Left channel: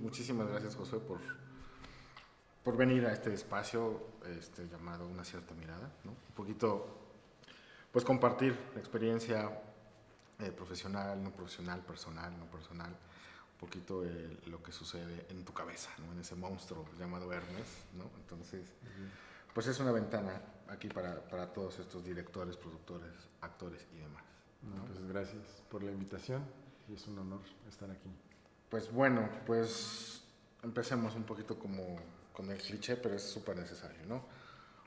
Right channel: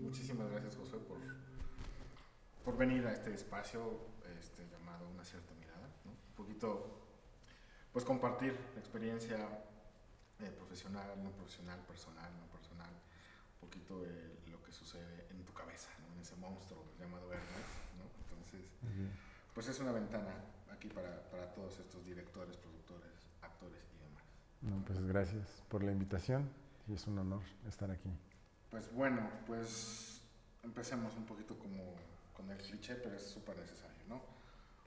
muchísimas gracias, Josué, por venir a este espacio llamado Una cierta mirada, ¿no? Un poquito, pues compartir la experiencia profesional, no profesional, personal, no personal, un poquito lo que sucede en tu cabeza, ¿no? En ese monstruo llamado Hermes, ¿no? Entonces, pues es una ventana aquí para todos estos directores, productores, actores y demás. No, pues gracias por la invitación y es un honor estar aquí. Pues bueno, pues empecemos un poquito como con el cliché, pero es súper necesario, ¿no?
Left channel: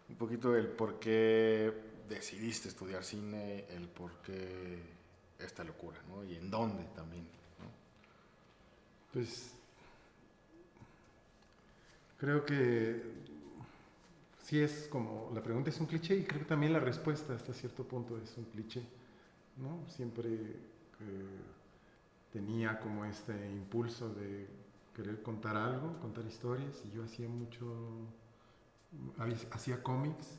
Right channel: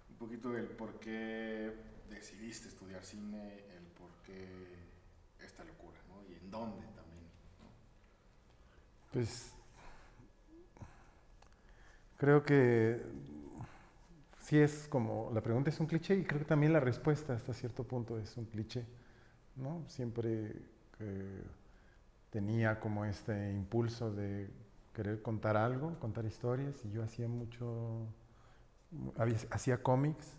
Un poquito del por qué decidiste estudiar cine, el por qué esta locura, ¿no? Y en dónde también, ¿no? Pues creo que sí es como, la pregunta es un cliché y creo que también la respuesta hasta cierto punto es un cliché, ¿no? Siempre tenía como este impulso de querer contar algo, contar historias, y yo hacía hacía cómics,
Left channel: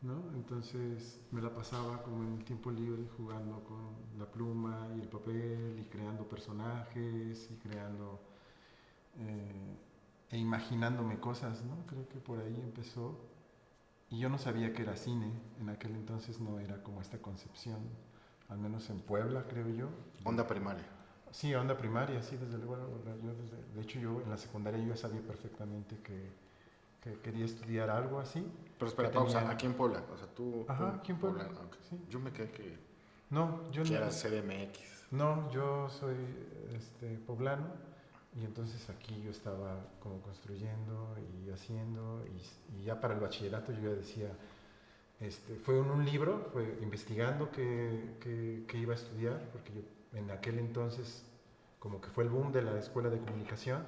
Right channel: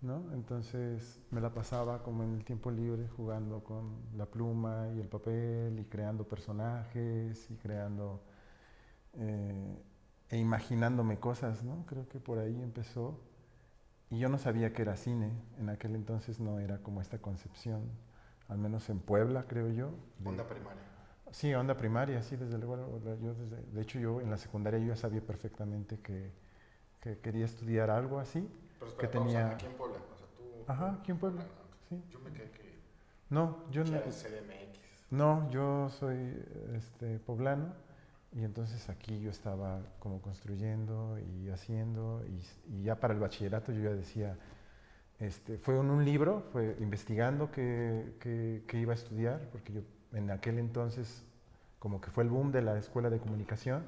¿no? Entonces me la pasaba como en el tiempo libre jugando con la pluma y el papel y creando personajes y creando e imaginándome cosas, ¿no? Creo que por ahí empezó. Y yo no sabía que era cine, en aquel entonces no era como esta concepción, al menos en Puebla, creo yo. Onda primaria. Sí, onda primaria, sí, desde luego. De hecho, yo en la secundaria yo ya sabía perfectamente que quería estudiar algo así. Pero espera, pausa, aquí en Puebla, o sea, tú... Ajá, aquí en Puebla, okay. sí. Yo me quedé que... No, yo que no... eras CDMX. No, yo soy poblano, y entonces aquí yo estaba como construyendo y haciendo, y ya para el bachillerato yo ya decía, fue en un libro, fue investigando que iba a estudiar, porque yo en aquel entonces como que fue el boom de la escuela de comunicación,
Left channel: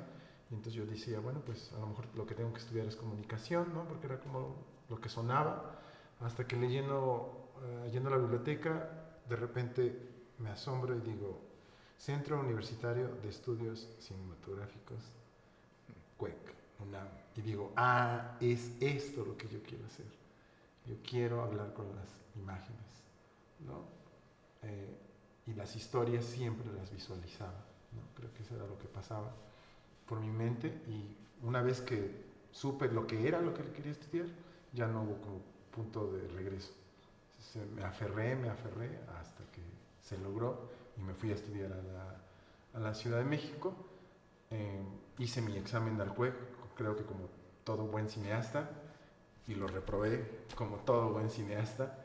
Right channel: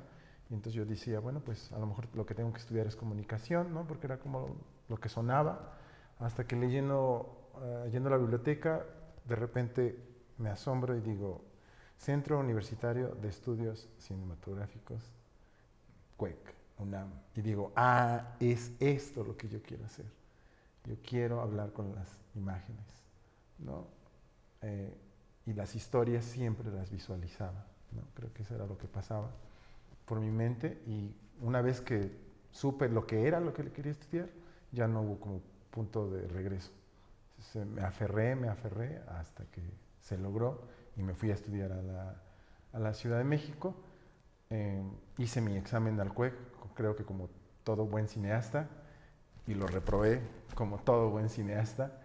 y entonces yo decía, bueno, pues a lo mejor lo que tengo que estudiar es comunicación, ¿no? Porque era como lo que sonaba, hasta que yendo a la biblioteca, de repente me asombro y digo, Centro Universitario de Estudios Cinematográficos, CUEC, UNAM, y digo, es esto lo que yo quiero hacer. Yo quiero hablar con las imágenes, ¿no? Y las historias siempre las visualizaba, ¿no? Creo que eso era lo que pasaba por mi mente, y una vez que supe lo que era lo que quería estudiar, ya no hubo como punto de regreso. Me aferré hasta que se logró y me fui a estudiar a la Ciudad de México. Hice mi examen al CUEC, creo que como todo buen cineasta, y lo reprobé como todo buen cineasta,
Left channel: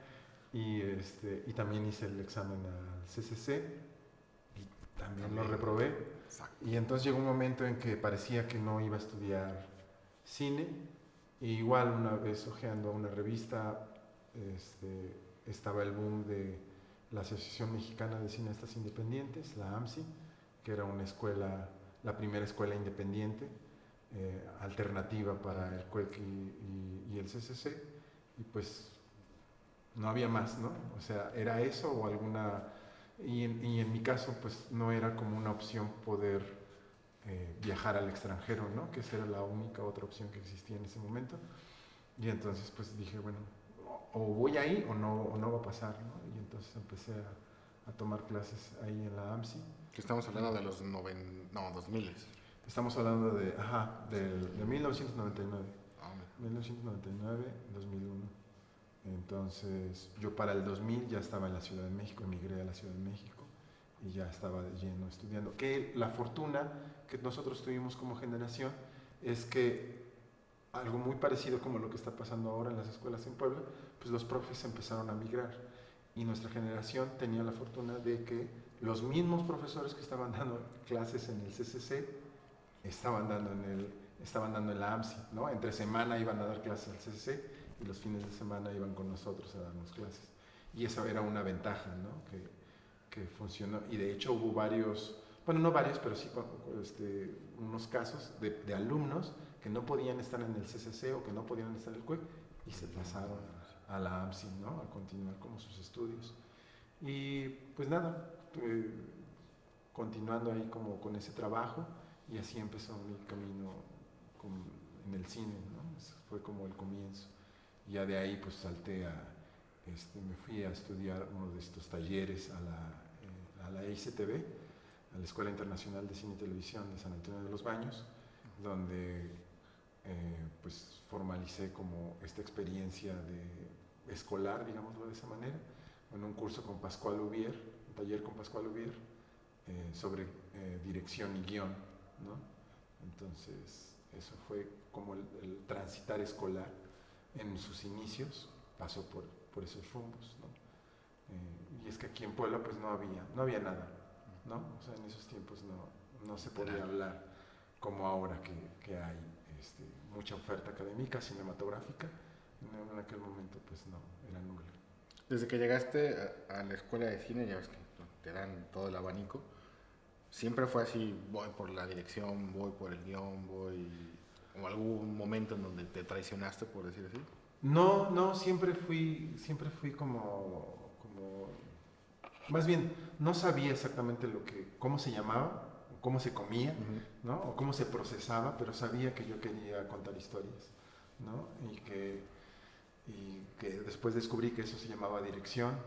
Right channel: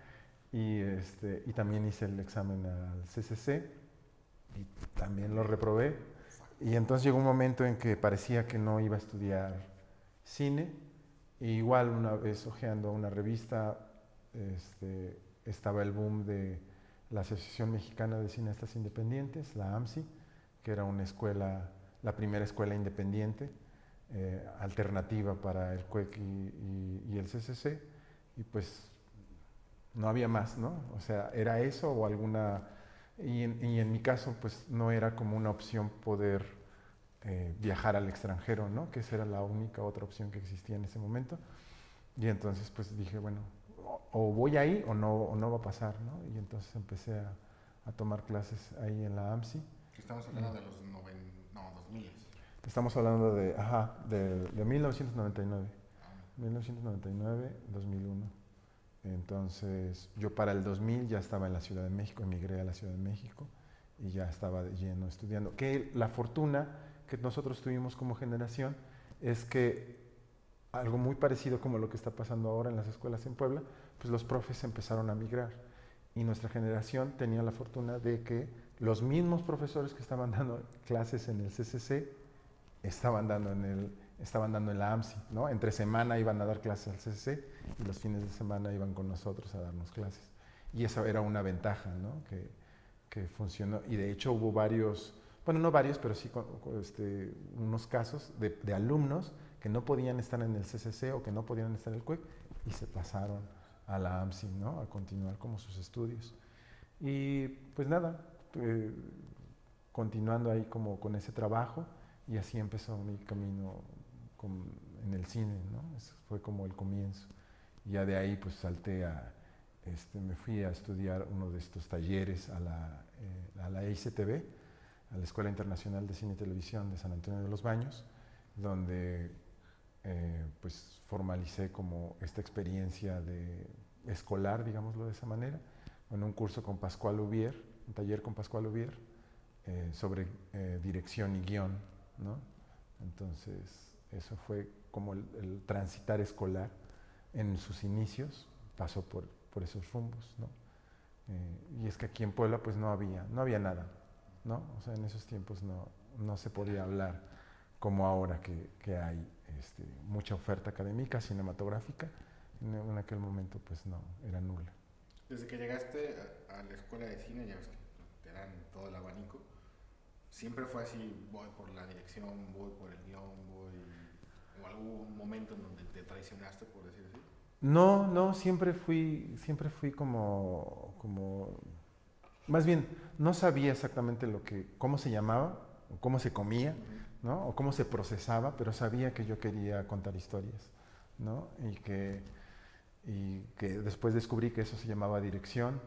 y también hice el examen al CCC y también lo reprobé. Y entonces llegó un momento en que parecía que no iba a estudiar cine, y igual una vez hojeando una revista, estaba el boom de la Asociación Mexicana de Cineastas Independientes, la AMCI, que era una escuela, la primera escuela independiente, alternativa para el CUEC y el CCC, y pues no había más, ¿no? O sea, era eso o alguna... Y en mi caso, pues no era como una opción poder viajar al extranjero, ¿no? Que esa era la única otra opción que existía en ese momento. Y entonces pues dije, bueno, o voy ahí o no va a pasar, ¿no? Y entonces empecé a tomar clases ahí en la AMSI. Que estamos hablando de los 2000. Estamos hablando de 1999. 1999, 2001. Entonces yo para el 2000 ya estaba en la Ciudad de México, emigré a la Ciudad de México y ya estaba de lleno estudiando. Que la fortuna que nosotros tuvimos como generación es que algo muy parecido como lo que está pasando ahora en las escuelas en Puebla, pues los profes empezaron a migrar, y nuestra generación tenía la fortuna de que los mismos profesores que estaban dando clases en el CCC estaban dando en la AMSI, ¿no? Entre semana iban a dar clases al CCC y los fines de semana iban con nosotros a darnos clases. Y eso era una ventaja, ¿no? Que funcionó. Y de hecho hubo varios, bueno, no varios, pero sí unos casos de alumnos que no podían estar en el CCC o que no podían estar en el CUEC y se pasaron a la AMSI, ¿no? A continuar como sus estudios. Y pues nada, continuando ahí como con ese trabajo, y así empezó mi camino en el cine, ¿no? Ese fue como el comienzo. Y ya de ahí pues salté me fui a estudiar uno de estos talleres a la ICTV, a la Escuela Internacional de Cine y Televisión de San Antonio de los Baños, donde pues formalicé como esta experiencia de escolar, digámoslo de esa manera, en un curso con Pascual Ubier, un taller con Pascual Ubier, sobre dirección y guión, ¿no? Entonces, eso fue como el transitar escolar en sus inicios, pasó por esos rumbos, ¿no? Y es que aquí en Puebla pues no había nada, ¿no? O sea, en esos tiempos no se podía hablar como ahora que hay mucha oferta académica, cinematográfica. En aquel momento pues no, era nula. Desde que llegaste a la escuela de cine, ya ves que te dan todo el abanico, siempre fue así, voy por la dirección, voy por el guión, o algún momento en donde te traicionaste, por decir así. No, siempre fui como, más bien, no sabía exactamente cómo se llamaba, o cómo se comía, ¿no? O cómo se procesaba, pero sabía que yo quería contar historias, ¿no? Y que después descubrí que eso se llamaba dirección,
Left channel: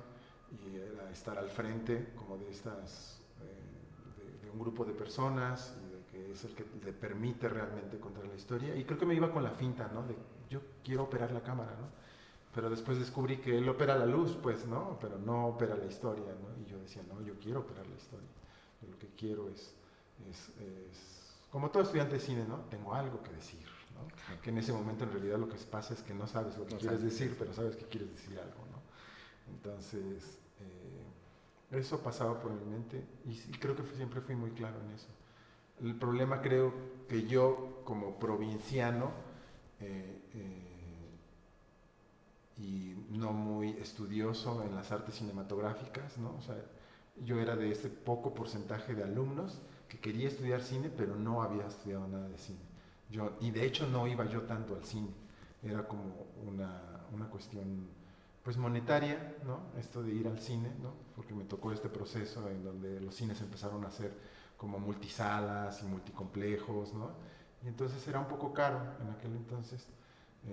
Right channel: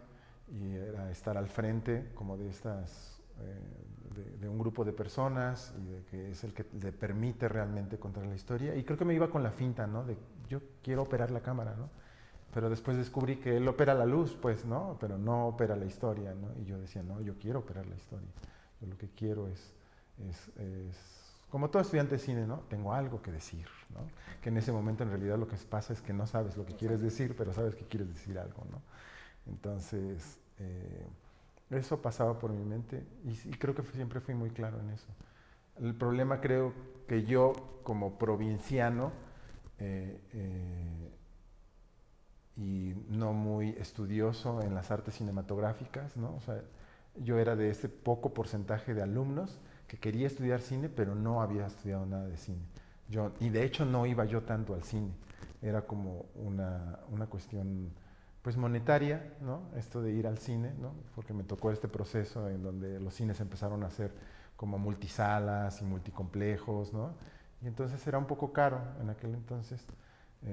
y era estar al frente como de estas, de un grupo de personas, y de que es el que le permite realmente contar la historia. Y creo que me iba con la finta, ¿no? De yo quiero operar la cámara, ¿no? Pero después descubrí que él opera la luz, pues, ¿no? Pero no opera la historia, ¿no? Y yo decía, no, yo quiero operar la historia. Yo lo que quiero es como todo estudiante de cine, ¿no? Tengo algo que decir, ¿no? Que en ese momento en realidad lo que pasa es que no sabes lo que quieres decir, pero sabes que quieres decir algo, ¿no? Entonces, eso pasaba por mi mente y creo que siempre fui muy claro en eso. El problema creo que yo como provinciano y no muy estudioso en las artes cinematográficas, ¿no? O sea, yo era de ese poco porcentaje de alumnos que quería estudiar cine, pero no había estudiado nada de cine. Y de hecho no iba yo tanto al cine, era como una cuestión pues monetaria, ¿no? Esto de ir al cine, ¿no? Porque me tocó este proceso en donde los cines empezaron a hacer como multisalas y multicomplejos, ¿no? Y entonces era un poco caro en aquel entonces,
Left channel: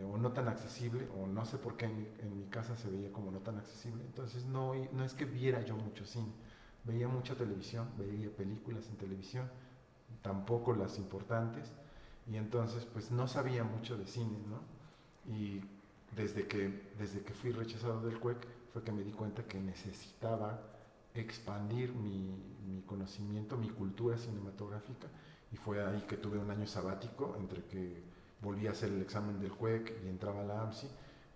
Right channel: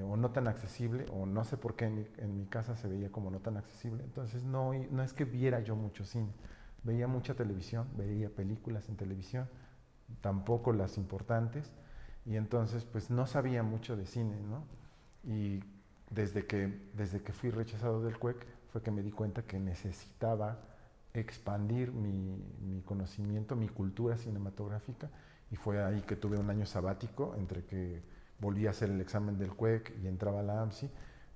o no tan accesible, o no sé por qué en mi casa se veía como no tan accesible. Entonces no es que viera yo mucho cine, veía mucha televisión, veía películas en televisión, tampoco las importantes, y entonces pues no sabía mucho de cine, ¿no? Y desde que fui rechazado del CUEC fue que me di cuenta que necesitaba expandir mi conocimiento, mi cultura cinematográfica, y fue ahí que tuve un año sabático entre que volví a hacer el examen del CUEC y entraba a la AMSI,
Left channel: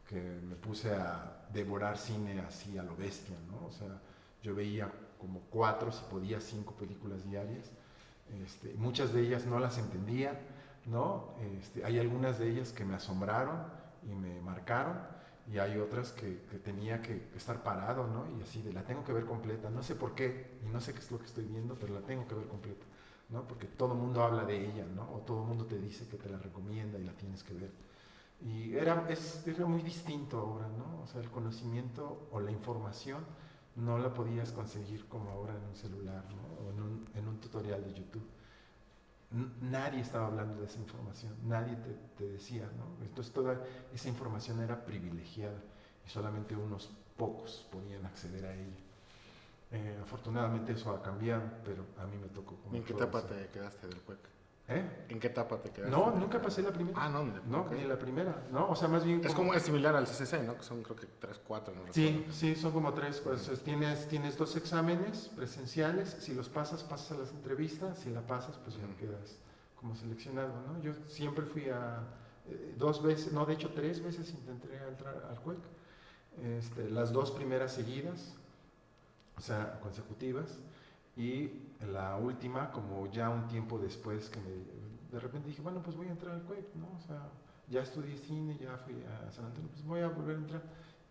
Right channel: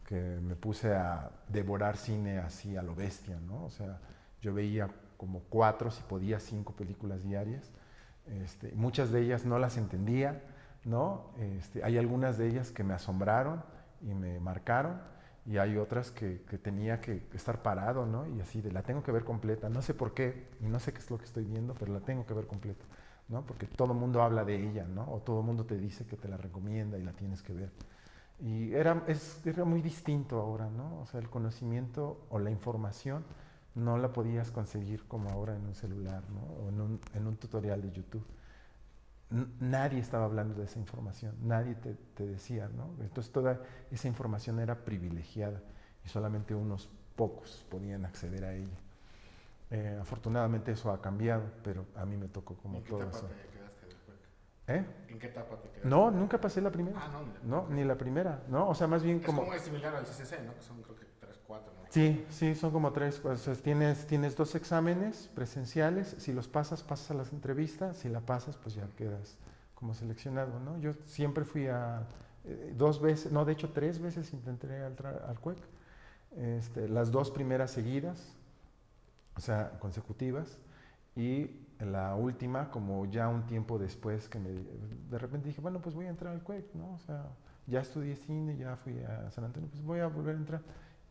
que me puse a devorar cine así a lo bestia, ¿no? O sea, yo veía como 4, si podía 5 películas diarias, muchas de ellas no las entendía, ¿no? Hay algunas de ellas que me asombraron y me marcaron, y hay otras que tenía que estar parado, ¿no? Y así la tengo que ver completa, no sé por qué, y no sé qué es lo que estoy viendo, pero la tengo que ver completa, ¿no? Porque todo el mundo habla de ella, ¿no? O todo el mundo te dice que te la recomienda y la tienes que ver. Y era muy distinto ahora, ¿no? O sea, el conocimiento o la información no la podías conseguir como ahora en un celular, ¿no? O en un tutorial de YouTube. Nadie estaba hablando de esa información, nadie te decía, ¿no? Entonces toda esa información era privilegiada y solamente unos pocos podían acceder a ella. Afortunadamente eso ha cambiado, pero a mí me tocó como ¿En qué etapa te quedaste del CUEC? ¿En qué etapa te quedaste? No, nunca pasé la primera. Ah, no, ni la primera, ¿no? O sea, más bien es similar al CCC, ¿no? Que son creo que 3, 4, ¿no? Sí, son como 3. O sea, tienes 2 exámenes presenciales, si los pasas a las entrevistas, si la pasas, pues ya quedas como seleccionado, ¿no? Yo siempre fui a 2 veces, no, de hecho 3 veces intenté entrar al CUEC, las 2 primeras seguidas, o sea, consecutivas, y la última, como ya un tiempo después, de repente dije, bueno, pues voy a entrar al CUEC, ¿no? O sea, ya estudié cine, ya fui a San Antonio, pues voy a volver a entrar.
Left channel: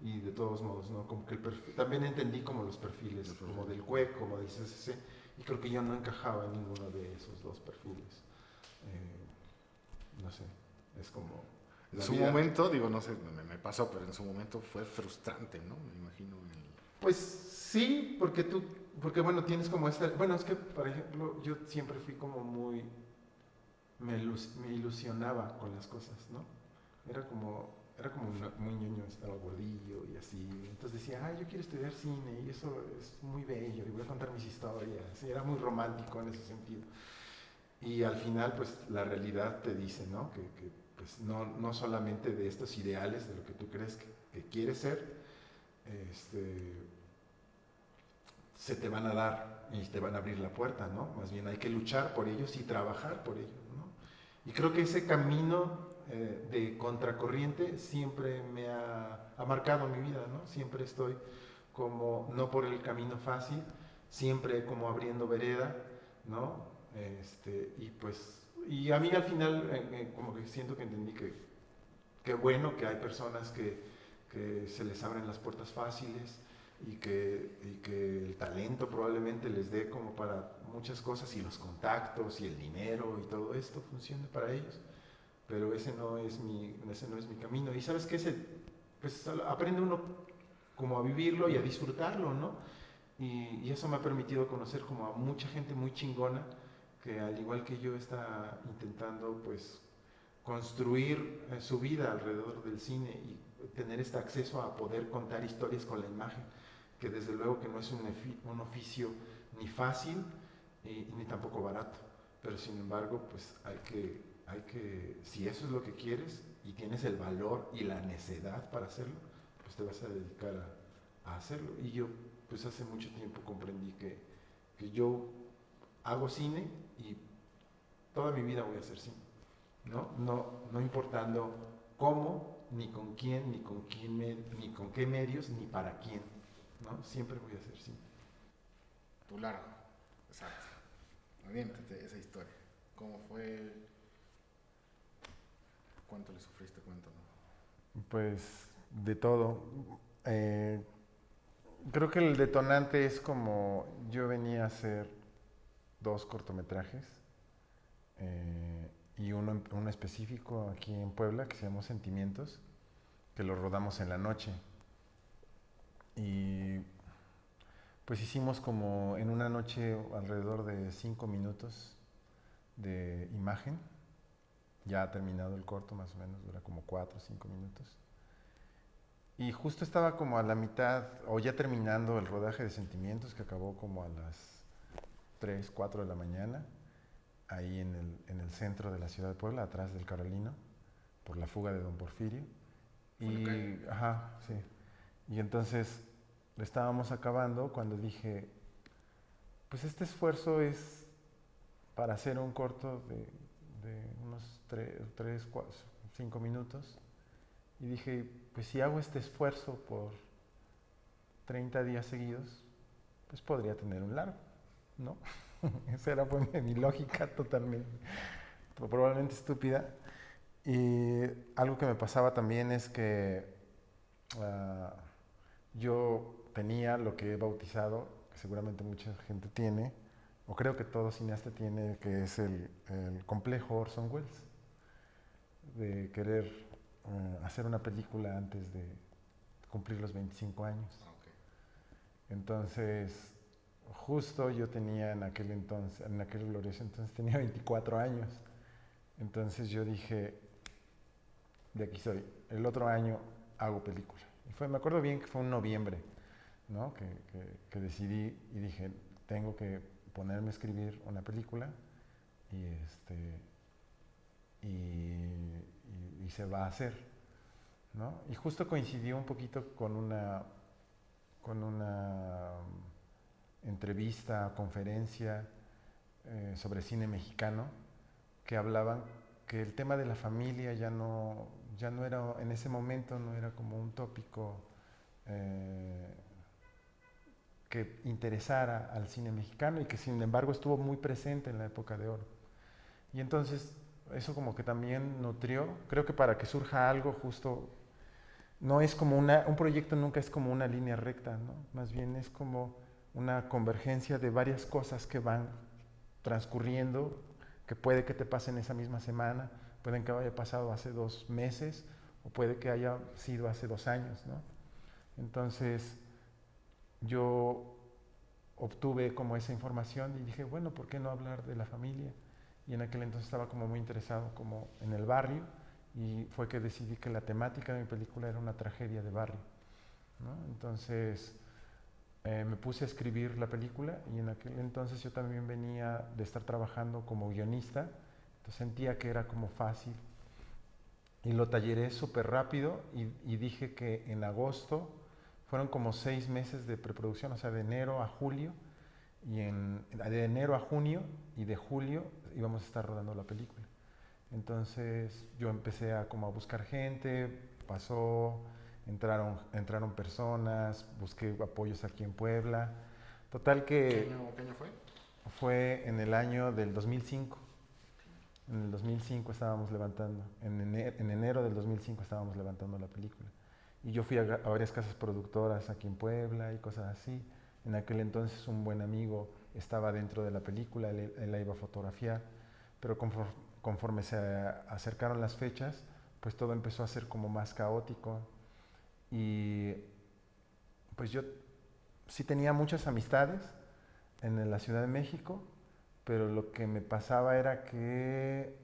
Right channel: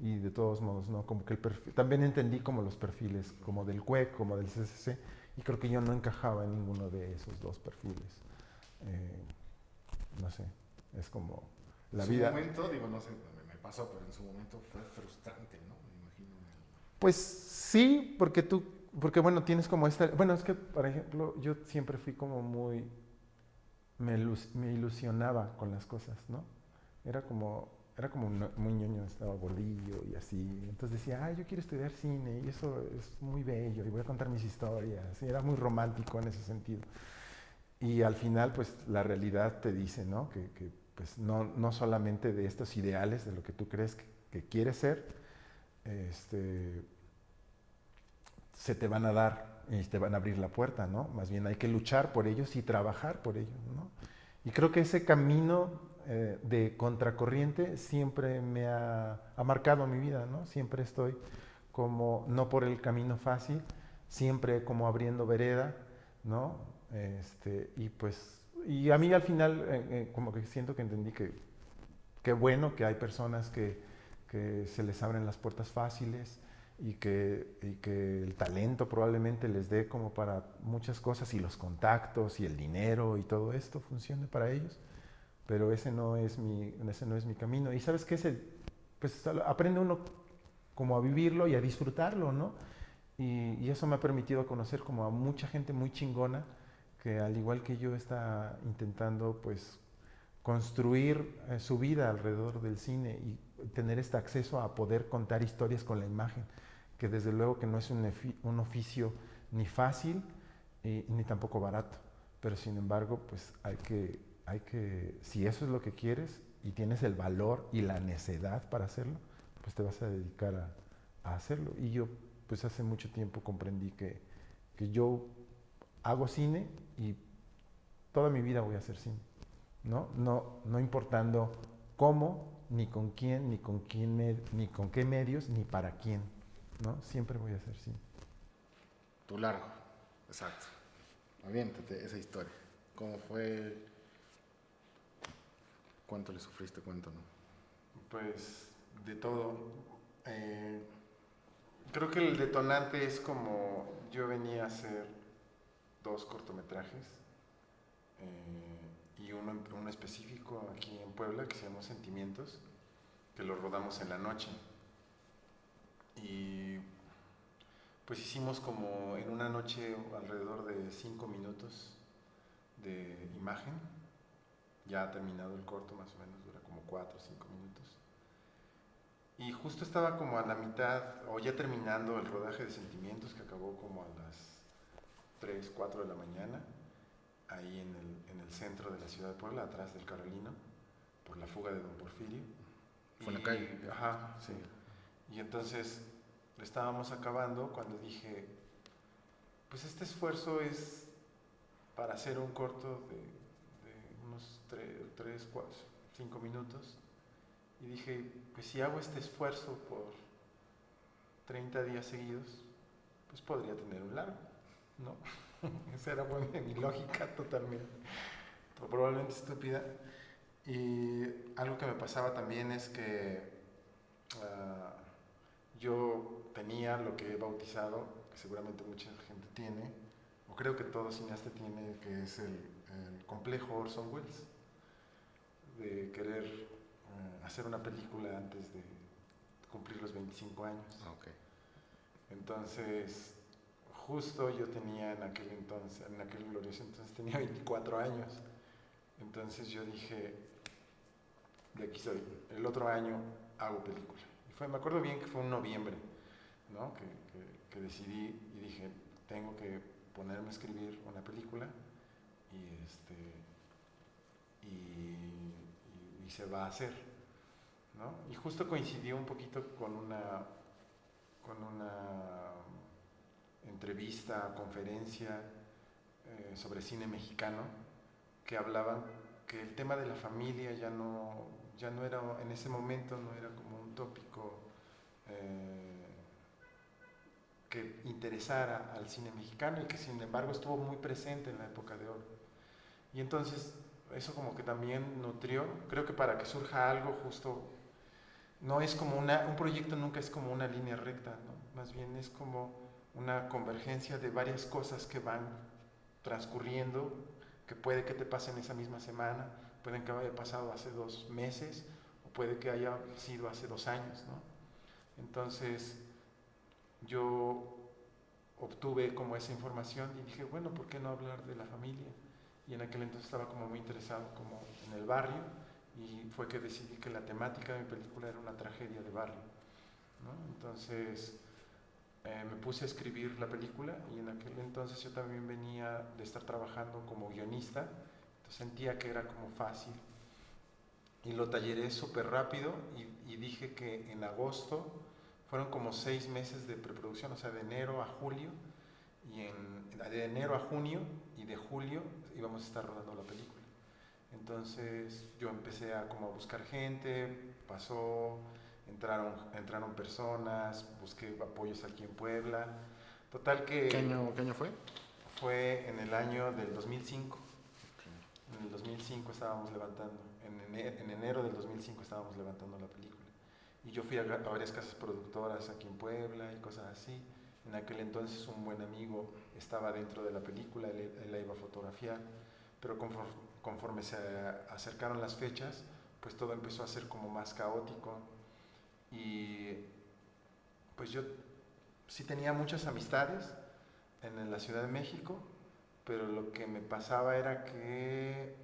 Y de todos modos, ¿no? Como que también entendí como los perfiles, como del CUEC, como del CCC, y creo que yo no encajaba en ninguno de esos 2 perfiles. No sé, es como en su momento, digo, no sé, me pasó, pero en su momento fue frustrante, ¿no? Me imagino. Pues sí, porque bueno, tienes como bueno, es que, por ejemplo, yo siempre fui como muy, me ilusionaba con las cosas, ¿no? Era como, era como muy ñoño, estaba gordillo y así. Entonces decía, yo quiero estudiar cine y eso es muy bello y voy a contar mis historias. Y era muy romántico en ese sentido. Y al final, pues la realidad te dice, ¿no? Que pues no solamente de estos ideales, de lo que tú crees que quieres ser, se te van a dar y te van a abrir la puerta, ¿no? Más bien hay que luchar por ellos y trabajar por ellos, ¿no? Y creo que ese camino de contracorriente siempre me ha marcado mi vida, ¿no? Siempre estoy como, no por el camino fácil, siempre como abriendo vereda, ¿no? Y pues, y a mí al final como que siento que entendí que bueno que hay personas que se les abren las puertas fáciles y que el talento probablemente les dé como para muchas cosas y los contactos y el dinero y todo esto funcione para ellos, pero ese no es mi camino. Y sabes que pues aprende uno como a vivirlo y a disfrutarlo, ¿no? Y eso me ha permitido conocer como a mucha gente muy chingona que al igual que yo está intentando pues construir su vida alrededor del cine y tener este acceso a poder contar historias con la imagen, que desde luego que no es un oficio ni fácil ni tampoco barato, pero sin embargo pues hay que, si eso es lo que quieres y tienes el valor y la necedad para hacerlo, pues te vas a dedicar a hacerlo. Y yo pues hace mucho tiempo comprendí que yo hago cine y toda mi vida voy a hacer cine. No importando cómo, ni con quién, ni con qué medios, ni para quién, ¿no? Siempre voy a hacer cine. Tu largo, exacto. Aviéntate esa historia. ¿Cómo fue? ¿Cuánto le sufriste? ¿Cuánto no? Pues de todo. Creo que el detonante es como yo venía a hacer 2 cortometrajes y uno específico aquí en Puebla que se llamó Sentimientos, que lo rodamos en la noche. Y pues hicimos como en una noche alrededor de 5 minutos de imagen. Ya ha terminado el corto, más o menos, dura como 4 o 5 minutos. Y justo estaba como a la mitad, o ya terminando el rodaje de Sentimientos, que acabó como a las 3, 4 de la mañana, ahí en el centro de la ciudad de Puebla, atrás del Carolino, por la fuga de Don Porfirio. ¿Fue en la calle? Ajá, sí. Y entonces estábamos acabando cuando dije, pues este esfuerzo es para hacer un corto de unos 3, 4, 5 minutos. Y dije, pues si hago este esfuerzo por 30 días seguidos, pues podría tener un largo, ¿no? Esa era pues, mi lógica totalmente, probablemente estúpida. Y algo que me pasaba también es que yo tenía lo que he bautizado, que seguramente mucha gente tiene, o creo que todo cineasta tiene, que es el complejo Orson Welles, de querer hacer una película antes de cumplir los 25 años. Okay. Entonces, justo yo tenía en aquel glorioso entonces tenía 24 años. Entonces yo dije, de aquí soy, el otro año hago película. Y me acuerdo bien que fue en noviembre, ¿no? Que decidí y dije, tengo que ponerme a escribir una película y se va a hacer, ¿no? Y justo coincidió un poquito con una entrevista, conferencia sobre cine mexicano, que hablaban que el tema de la familia ya no era, en ese momento no era como un tópico que interesara al cine mexicano y que sin embargo estuvo muy presente en la época de oro. Y entonces eso como que también nutrió, creo que para que surja algo justo, no es como un proyecto nunca es como una línea recta, ¿no? Más bien es como una convergencia de varias cosas que van transcurriendo, que puede que te pasen esa misma semana, pueden que haya pasado hace 2 meses, o puede que haya sido hace 2 años, ¿no? Entonces, yo obtuve como esa información y dije, bueno, ¿por qué no hablar de la familia? Y en aquel entonces estaba como muy interesado como en el barrio y fue que decidí que la temática de mi película era una tragedia de barrio, ¿no? Entonces me puse a escribir la película y en aquel entonces yo también venía de estar trabajando como guionista, entonces sentía que era como fácil y lo talleré súper rápido y dije que en agosto fueron como 6 meses de preproducción, o sea, de enero a julio, de enero a junio y de julio íbamos a estar rodando la película. Entonces yo empecé a como a buscar gente, entraron personas, busqué apoyos aquí en Puebla. Total que... ¿Qué año fue? Fue en el año del 2005. En el 2005 estábamos levantando, en enero del 2005 estábamos levantando la película. Y yo fui a varias casas productoras aquí en Puebla y cosas así. En aquel entonces un buen amigo estaba dentro de la película, él la iba a fotografiar, pero conforme se acercaron las fechas, pues todo empezó a ser como más caótico. Y pues yo sí tenía muchas amistades en la Ciudad de México, pero lo que me pasaba era que,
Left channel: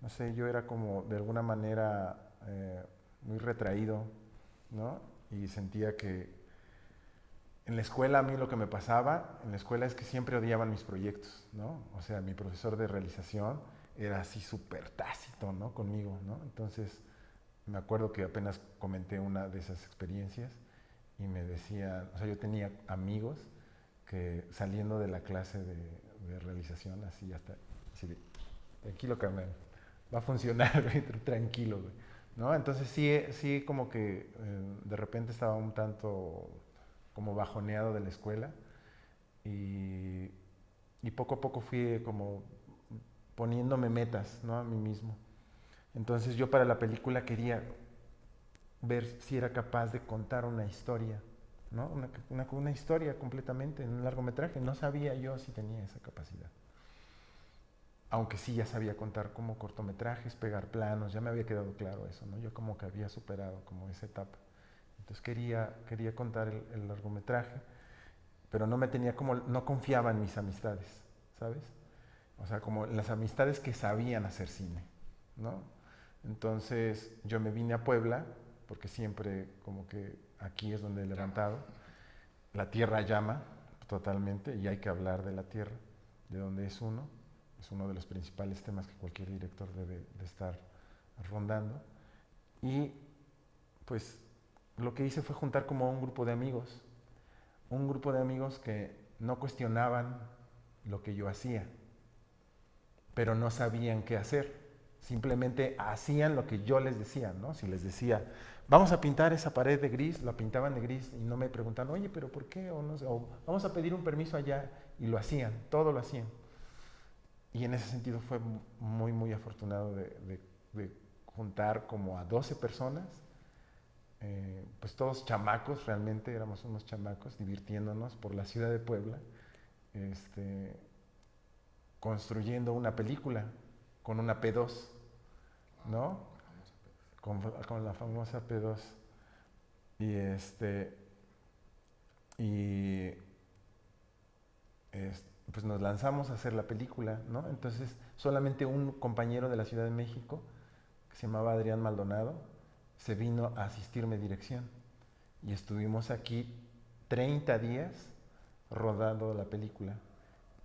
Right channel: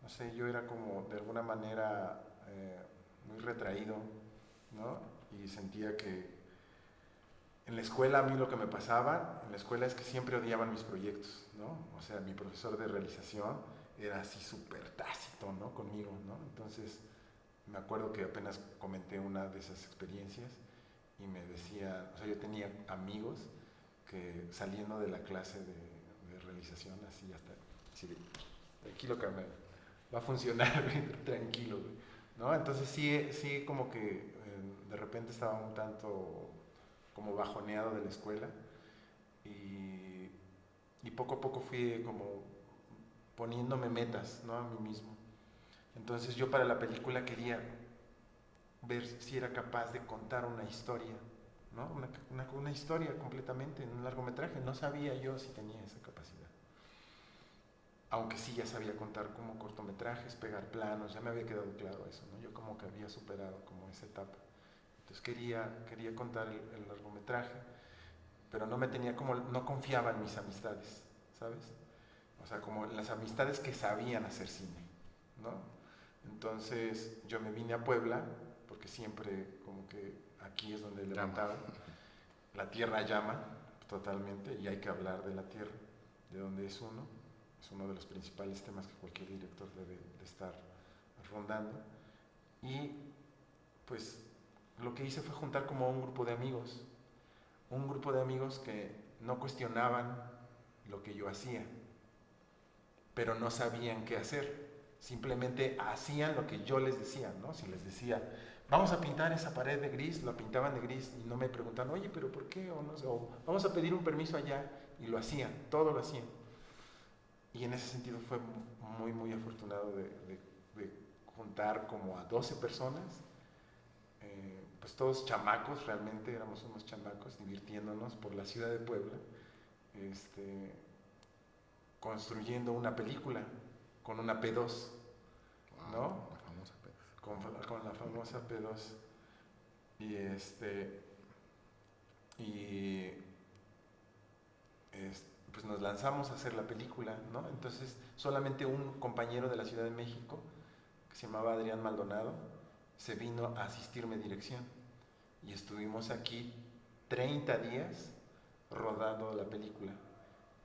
no sé, yo era como de alguna manera muy retraído, ¿no? Y sentía que en la escuela a mí lo que me pasaba, en la escuela es que siempre odiaban mis proyectos, ¿no? O sea, mi profesor de realización era así súper tácito, ¿no? Conmigo, ¿no? Entonces, me acuerdo que apenas comenté una de esas experiencias y me decía, o sea, yo tenía amigos que saliendo de la clase de realización, así hasta, así, tranquilo carnal, va a funcionar, tranquilo, güey, ¿no? Entonces sí como que de repente estaba un tanto como bajoneado de la escuela y poco a poco fui como poniéndome metas, ¿no? A mí mismo. Entonces yo para la película quería ver si era capaz de contar una historia, ¿no? Una historia completamente en un largometraje. No sabía yo si tenía esa capacidad. Aunque sí ya sabía contar como cortometrajes, pegar planos, ya me había quedado claro eso, ¿no? Yo como que había superado como esa etapa. Entonces quería contar el largometraje, pero no confiaba en mis amistades, ¿sabes? O sea, como las amistades que sabían hacer cine, ¿no? Entonces yo me vine a Puebla, porque siempre como que aquí es donde he levantado. La tierra llama totalmente y hay que hablar de la tierra, de donde es uno. Es uno de los principales temas que cualquier director debe de estar rondando. Y pues lo que hice fue juntar como un grupo de amigos que no cuestionaban lo que yo hacía, pero no sabían qué hacer. Simplemente hacían lo que yo les decía, ¿no? Si les decía, vamos a pintar esa pared de gris, la pintaban de gris y no me preguntaban, oye, pero ¿por qué? O, no sé, o vamos a pedir un permiso allá, y lo hacían, todo lo hacían. Y en ese sentido fue muy, muy afortunado de juntar como a 12 personas, pues todos chamacos, realmente éramos unos chamacos divirtiéndonos por la ciudad de Puebla, construyendo una película con una P2, ¿no? La famosa P2. Con la famosa P2. Y pues nos lanzamos a hacer la película, ¿no? Entonces solamente un compañero de la Ciudad de México, que se llamaba Adrián Maldonado, se vino a asistirme dirección. Y estuvimos aquí 30 días rodando la película.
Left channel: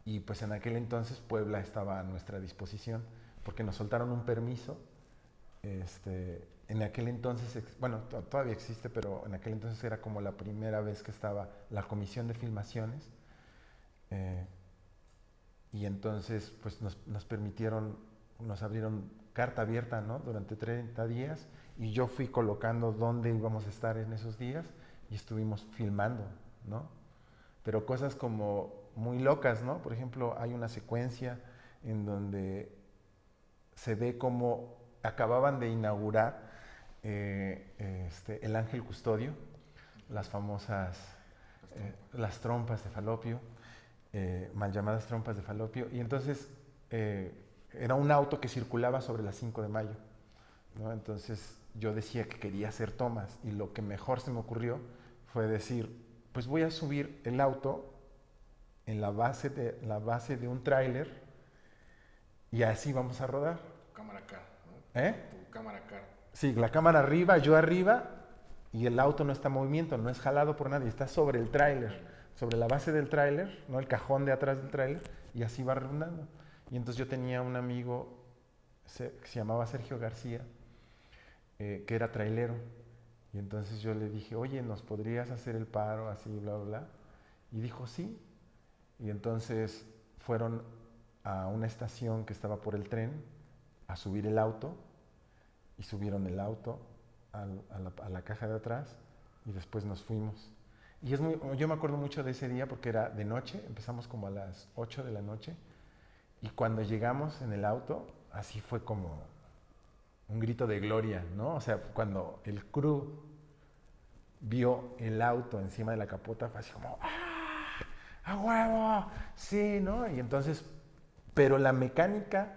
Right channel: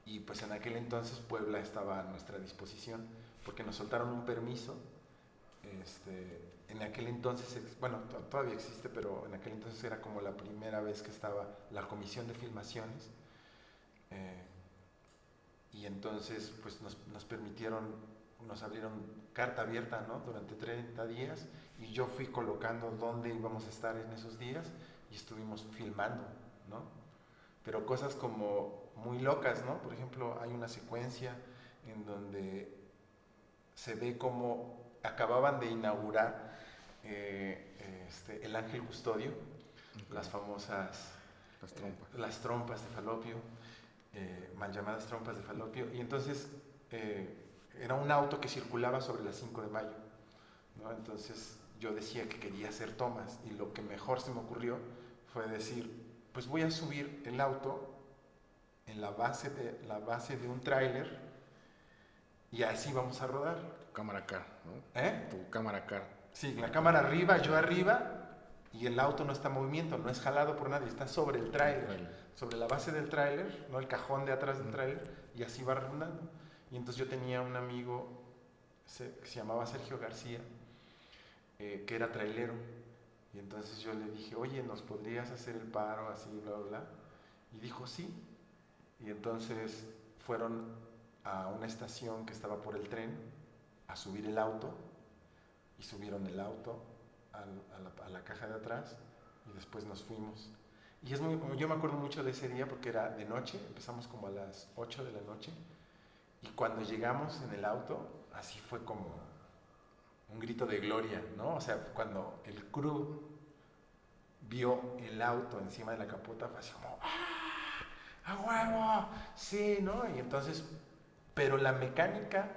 Y pues en aquel entonces Puebla estaba a nuestra disposición, porque nos soltaron un permiso. En aquel entonces, bueno, todavía existe, pero en aquel entonces era como la primera vez que estaba la comisión de filmaciones. Y entonces pues nos abrieron carta abierta, ¿no? Durante 30 días y yo fui colocando dónde íbamos a estar en esos días y estuvimos filmando, ¿no? Pero cosas como muy locas, ¿no? Por ejemplo, hay una secuencia en donde se ve como acababan de inaugurar el Ángel Custodio, las famosas las trompas de Falopio, mal llamadas trompas de Falopio, y entonces era un auto que circulaba sobre las 5 de mayo, ¿no? Entonces yo decía que quería hacer tomas y lo que mejor se me ocurrió fue decir, pues voy a subir el auto en la base de un tráiler y así vamos a rodar. Tu cámara car, ¿no? ¿Eh? Tu cámara car. Sí, la cámara arriba, yo arriba, y el auto no está en movimiento, no es jalado por nadie, está sobre el tráiler, sobre la base del tráiler, ¿no? El cajón de atrás del tráiler, y así va rondando. Y entonces yo tenía un amigo que se llamaba Sergio García, que era trailero. Y entonces yo le dije, oye, ¿nos podrías hacer el paro así, bla, bla, bla? Y dijo, sí. Y entonces fueron a una estación que estaba por el tren a subir el auto, y subieron el auto a la caja de atrás, y después nos fuimos. Y yo me acuerdo mucho de ese día porque era de noche, empezamos como a las 8 de la noche, y cuando llegamos en el auto, así fue como un grito de gloria, ¿no? O sea, cuando el crew vio el auto encima de la capota, fue así como, ¡ah! ¡A huevo! Sí, ¿no? Y entonces, pero la mecánica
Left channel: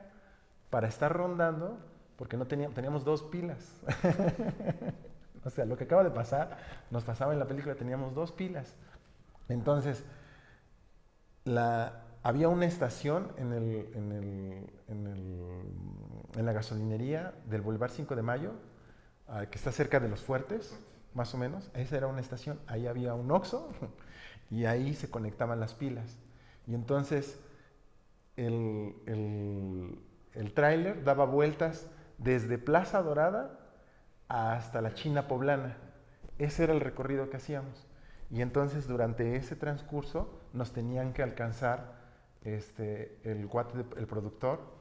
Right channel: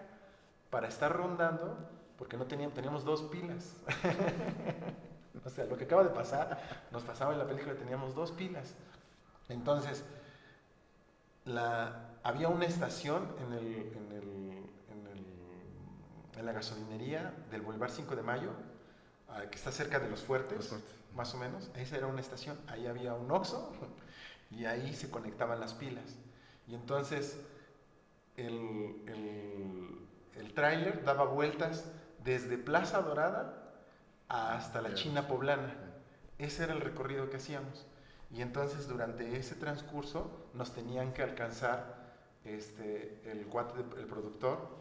para estar rondando, porque no teníamos 2 pilas. O sea, lo que acaba de pasar, nos pasaba en la película, teníamos 2 pilas. Entonces, había una estación en la gasolinería del Boulevard 5 de Mayo, que está cerca de Los Fuertes, más o menos. Esa era una estación. Ahí había un Oxxo y ahí se conectaban las pilas. Y entonces el tráiler daba vueltas desde Plaza Dorada hasta la China Poblana. Ese era el recorrido que hacíamos. Y entonces durante ese transcurso nos tenían que alcanzar el productor,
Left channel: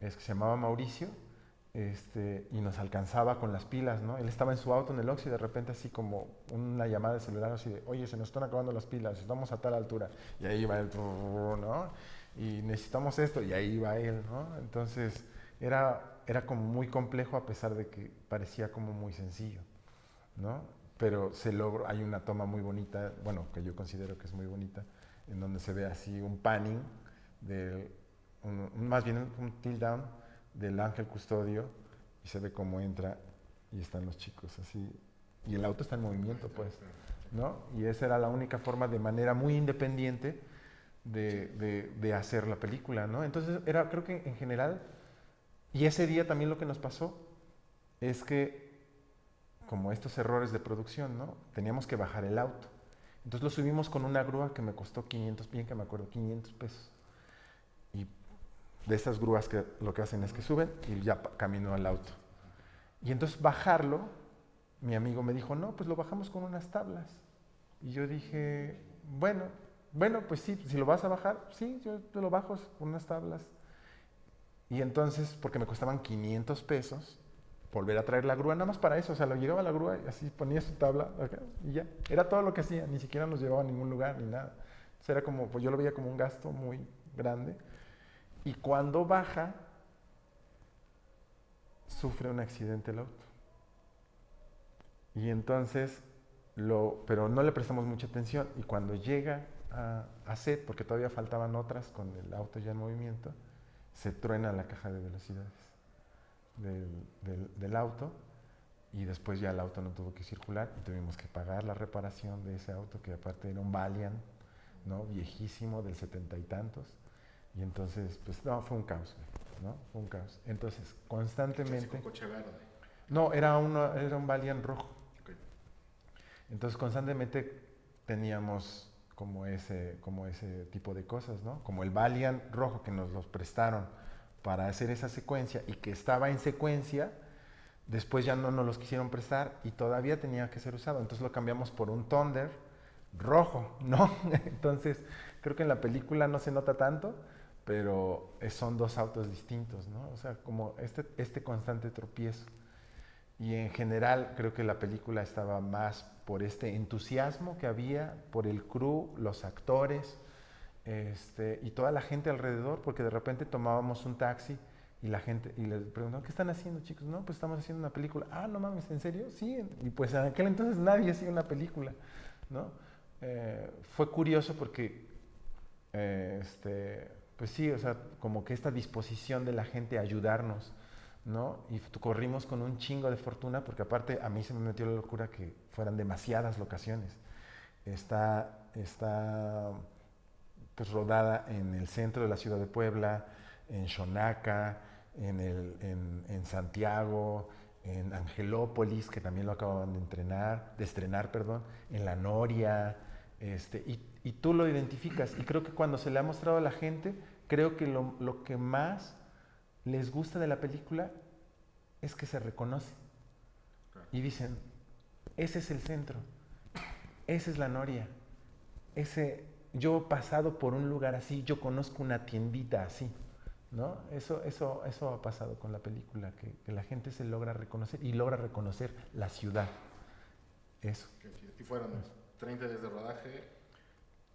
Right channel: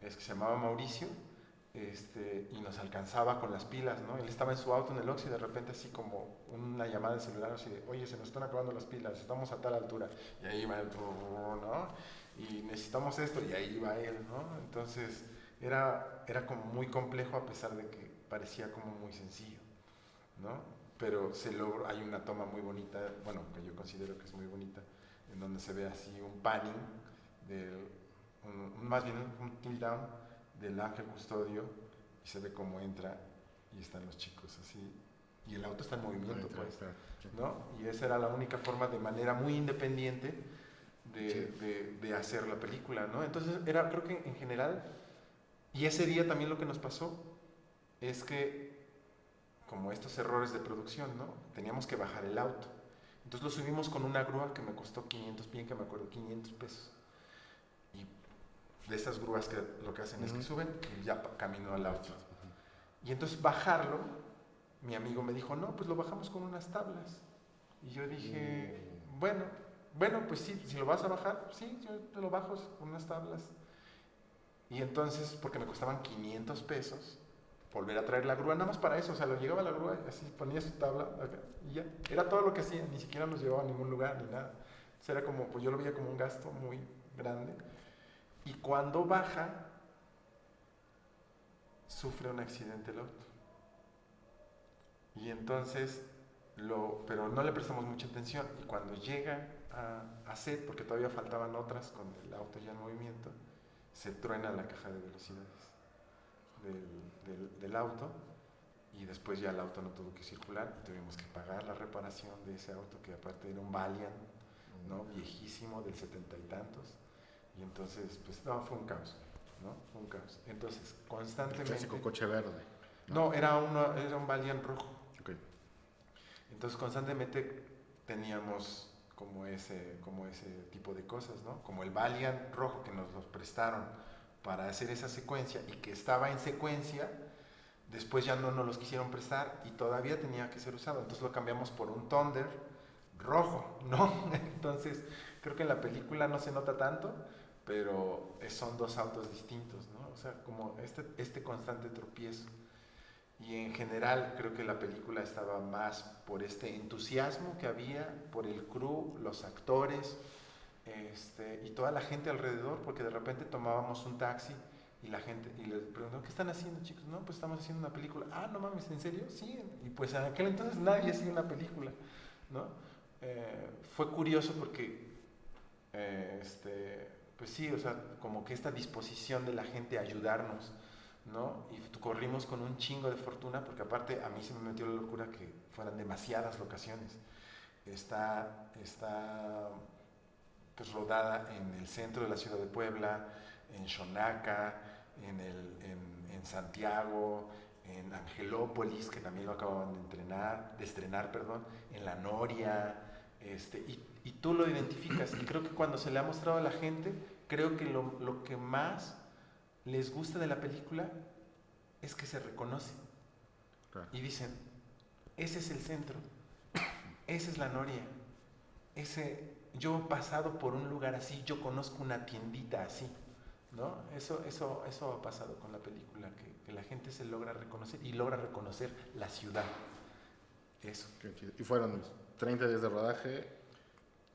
que se llamaba Mauricio, y nos alcanzaba con las pilas, ¿no? Él estaba en su auto en el Oxxo y de repente así como una llamada de celular así de, oye, se nos están acabando las pilas, estamos a tal altura. Y ahí va él, ¿no? Y necesitamos esto, y ahí va él, ¿no? Entonces era como muy complejo a pesar de que parecía como muy sencillo, ¿no? Pero se logró, hay una toma muy bonita, bueno, que yo considero que es muy bonita, en donde se ve así un panning, más bien un tilt down del ángel custodio, y se ve cómo entra y están los chicos así, y el auto está en movimiento, pues, ¿no? Y esa era la única forma, de manera muy independiente, de hacer la película, ¿no? Entonces creo que en general, y ese día también lo que nos pasó es que, como estos errores de producción, ¿no? Teníamos que bajar el auto. Entonces lo subimos con una grúa que me costó 500, bien que me acuerdo, 500 pesos. Y de estas grúas que lo que hacen es que suben y ya camino al auto. Y entonces bajarlo, mi amigo me dijo, no, pues lo bajamos con unas tablas. Y yo dije, bueno, pues sí, si lo vas a bajar, sí, yo te lo bajo con unas tablas. Y entonces, porque me costaban 500 pesos, volver a traer la grúa, nada más para eso, o sea, lo llevaba a la grúa y así ponía su tabla acá, y ya, era todo lo que hacía, ni siquiera nos llevaba a ningún lugar ni nada. Entonces era como, pues yo lo veía como un gasto muy grande. Y cuando baja, sufre un accidente el auto. Y entonces, pero no le prestamos mucha atención, y cuando llega a set, porque todavía faltaban otras con el auto ya en movimiento, se truena la caja de velocidades del auto, y después ya el auto no tuvo que circular y tuvimos que pagar la reparación de ese auto, que aparte era un Valiant, ¿no? Viejísimo, del 70 y tantos, y entonces pues no, fue un caos, ¿no? Fue un caos. Entonces constantemente... Clásico coche verde. No, era un Valiant rojo. Okay. Entonces constantemente teníamos como ese tipo de cosas, ¿no? Como el Valiant rojo que nos los prestaron para hacer esa secuencia, y que estaba en secuencia, después ya no nos los quisieron prestar y todavía tenía que ser usado. Entonces lo cambiamos por un Thunder rojo, ¿no? Entonces creo que en la película no se nota tanto, pero son 2 autos distintos, ¿no? O sea, como este constante tropiezo. Y en general creo que la película estaba más por este entusiasmo que había, por el crew, los actores, y toda la gente alrededor, porque de repente tomábamos un taxi y la gente, y les preguntaban, ¿qué están haciendo, chicos? No, pues estamos haciendo una película. Ah, no mames, ¿en serio? Sí. Y pues en aquel entonces nadie hacía una película, ¿no? Fue curioso porque, pues sí, o sea, como que esta disposición de la gente a ayudarnos, ¿no? Y corrimos con un chingo de fortuna, porque aparte a mí se me metió la locura que fueran demasiadas locaciones. Está pues rodada en el centro de la ciudad de Puebla, en Xonaca, en Santiago, en Angelópolis, que también lo acaban de estrenar, perdón, en La Noria, y tú lo identificas. Y creo que cuando se le ha mostrado a la gente, creo que lo que más les gusta de la película es que se reconoce. Claro. Y dicen, ese es el centro, esa es La Noria, yo he pasado por un lugar así, yo conozco una tiendita así, ¿no? Eso ha pasado con la película, que la gente se logra reconocer y logra reconocer la ciudad. Eso. Y fueron 30 días de rodaje.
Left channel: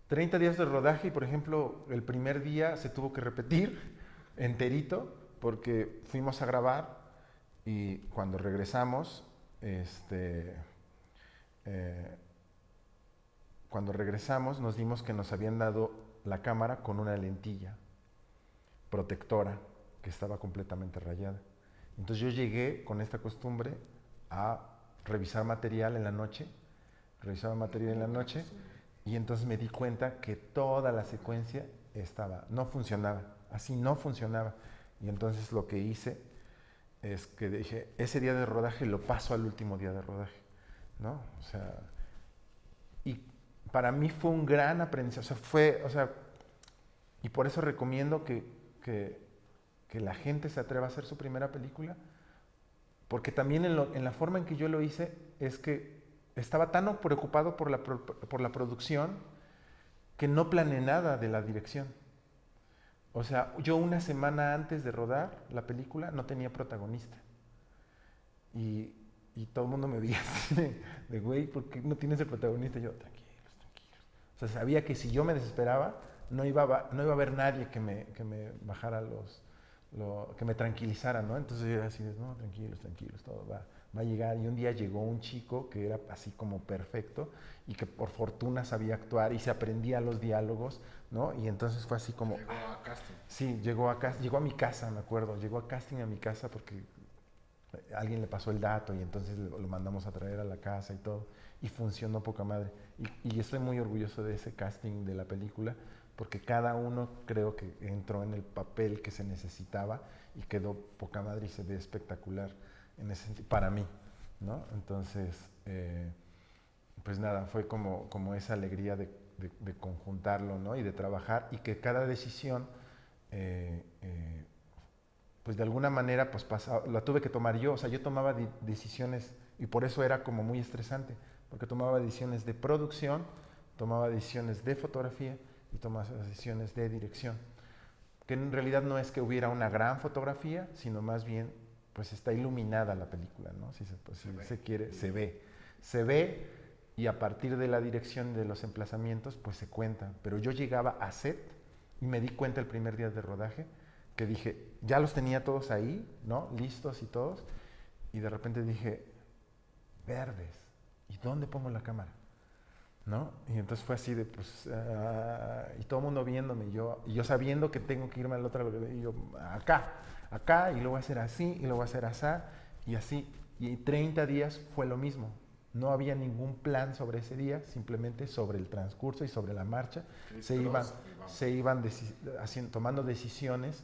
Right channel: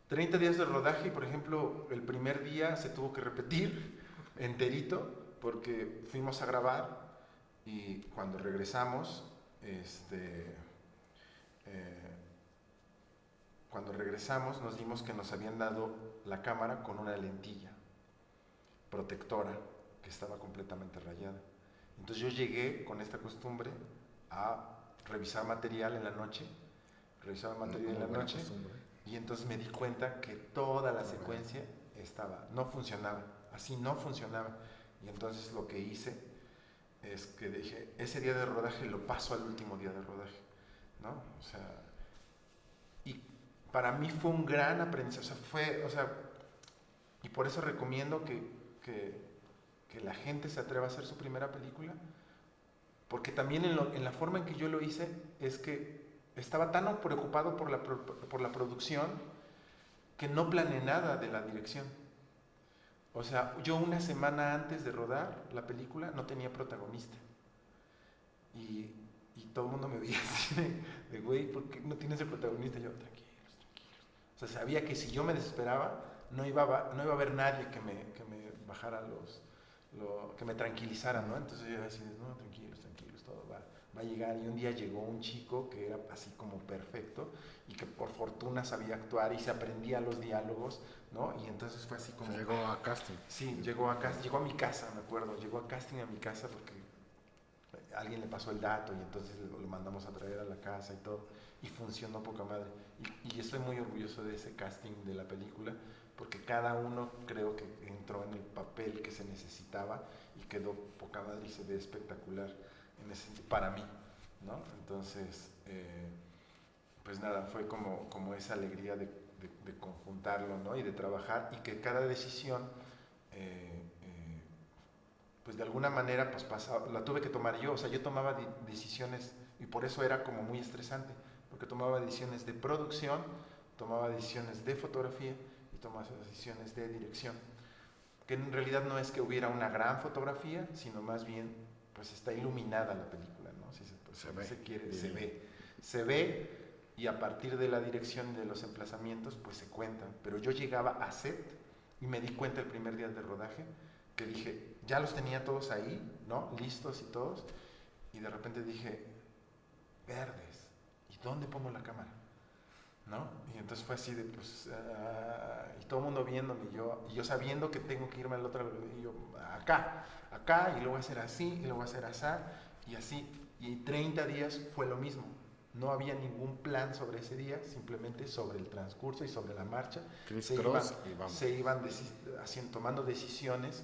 30 días de rodaje y, por ejemplo, el primer día se tuvo que repetir enterito porque fuimos a grabar y cuando regresamos, nos dimos que nos habían dado la cámara con una lentilla protectora que estaba completamente rayada. Entonces yo llegué con esta costumbre a revisar material en la noche, y entonces me di cuenta que toda la secuencia no funcionaba, así no funcionaba. Y entonces lo que hice es que dije, ese día de rodaje lo paso al último día de rodaje, ¿no? O sea, y para mí fue un gran aprendizaje, y por eso recomiendo que la gente se atreva a hacer su primera película, porque también en la forma en que yo lo hice es que estaba tan preocupado por la producción que no planeé nada de la dirección. O sea, yo una semana antes de rodar la película no tenía protagonista. Y todo el mundo me veía así de güey, ¿por qué no tienes el protagonista? Y yo, tranquilos. O sea, sabía que si yo me desesperaba, no iba a haber nadie que me bajara que me tranquilizara, ¿no? Entonces yo así, no, tranquilos, todo va a llegar. Y un día llegó un chico que era así como perfecto y que por fortuna sabía actuar y se aprendía los diálogos, ¿no? Y entonces fue así como... Llegó a casting. Sí, llegó a mi casa, me acuerdo. Llegó a casting a mi casa porque alguien le pasó el dato y entonces lo mandamos a traer a la casa y todo. Y funcionó poca madre. Y estoy muy orgulloso de ese casting de la película porque cada uno creo que entró en el papel que se necesitaba y quedó poca madre y se ve espectacular para mí, ¿no? Entonces, pues nada, fue como esa alegría de conjuntarlo, ¿no? Y de trabajar y que cada decisión, pues de alguna manera, pues la tuve que tomar yo. O sea, yo tomaba decisiones y por eso era como muy estresante, porque tomaba decisiones de producción, tomaba decisiones de fotografía y tomaba decisiones de dirección. Que en realidad no es que hubiera una gran fotografía, sino más bien, pues está iluminada la película, ¿no? Si se ve y a partir de la dirección de los emplazamientos, pues se cuentan. Pero yo llegaba a set y me di cuenta el primer día de rodaje que dije, ya los tenía todos ahí, ¿no? Listos y todos. Y de repente dije, verdes, ¿y dónde pongo la cámara? ¿No? Y entonces fue así de, pues, y todo el mundo viéndome, y yo sabiendo que tengo que irme al otro lado, y yo, acá, y lo voy a hacer así, y lo voy a hacer así, y 30 días fue lo mismo. No había ningún plan sobre ese día, simplemente sobre el transcurso y sobre la marcha. Se iban tomando decisiones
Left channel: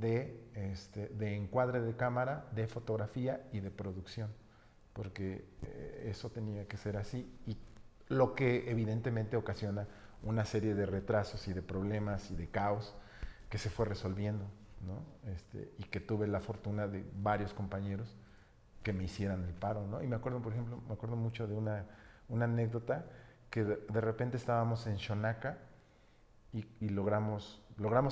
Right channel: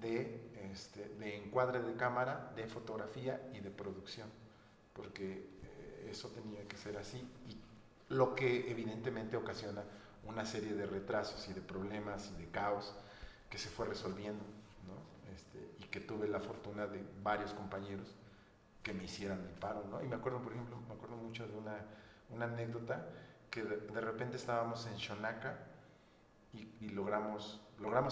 de encuadre de cámara, de fotografía y de producción, porque eso tenía que ser así, y lo que evidentemente ocasiona una serie de retrasos y de problemas y de caos que se fue resolviendo, ¿no? Y que tuve la fortuna de varios compañeros que me hicieran el paro, ¿no? Y me acuerdo, por ejemplo, mucho de una anécdota que de repente estábamos en Xonaca y logramos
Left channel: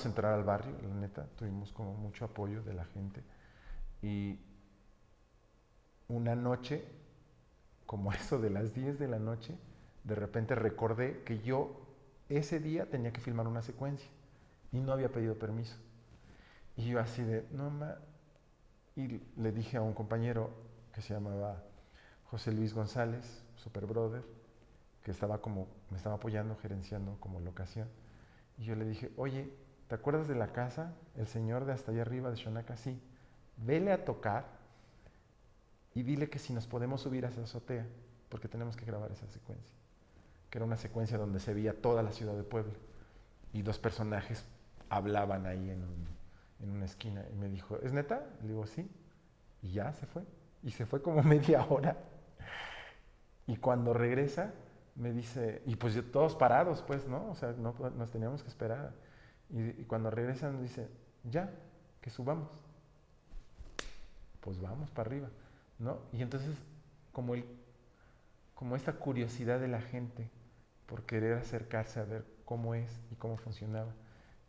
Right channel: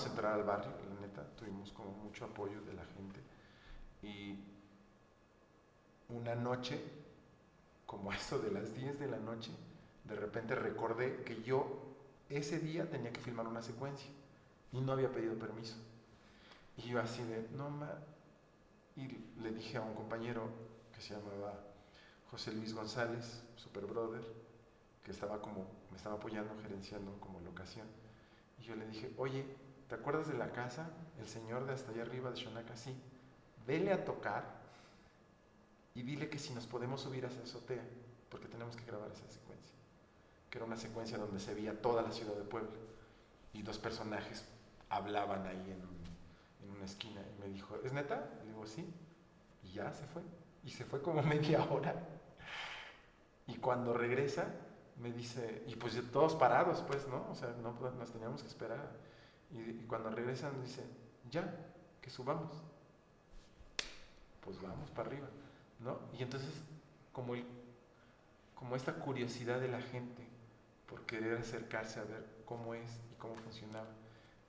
entrar al barrio, la neta, tuvimos como mucho apoyo de la gente. Y una noche, como eso de las 10 de la noche, de repente recordé que yo ese día tenía que filmar una secuencia y no había pedido permiso. Y yo así de, y le dije a un compañero que se llamaba José Luis González, Super Brother, que me estaba apoyando, gerenciando como locación. Y yo le dije, oye, ¿te acuerdas de la casa? El señor de hasta allá arriba de Xonaca, sí. Vele a tocar y dile que si nos podemos subir a esa azotea, porque tenemos que grabar esa secuencia. Que era una secuencia donde se veía toda la ciudad de Puebla y dos personajes hablaban ahí en una esquina y me dijo, ¿es neta? Le digo, sí. Y ya se fue. Y se fue como media hora. Y cuando regresa, me dice, y pues todos parados, pues, ¿no? O sea, no, nos teníamos que esperar. Y cuando regresa nos dice, ya, que subamos. Pues vamos para arriba, ¿no? Y entonces, como, como esta curiosidad de la gente por querer acercarse a ver cómo es y cómo funcionaba,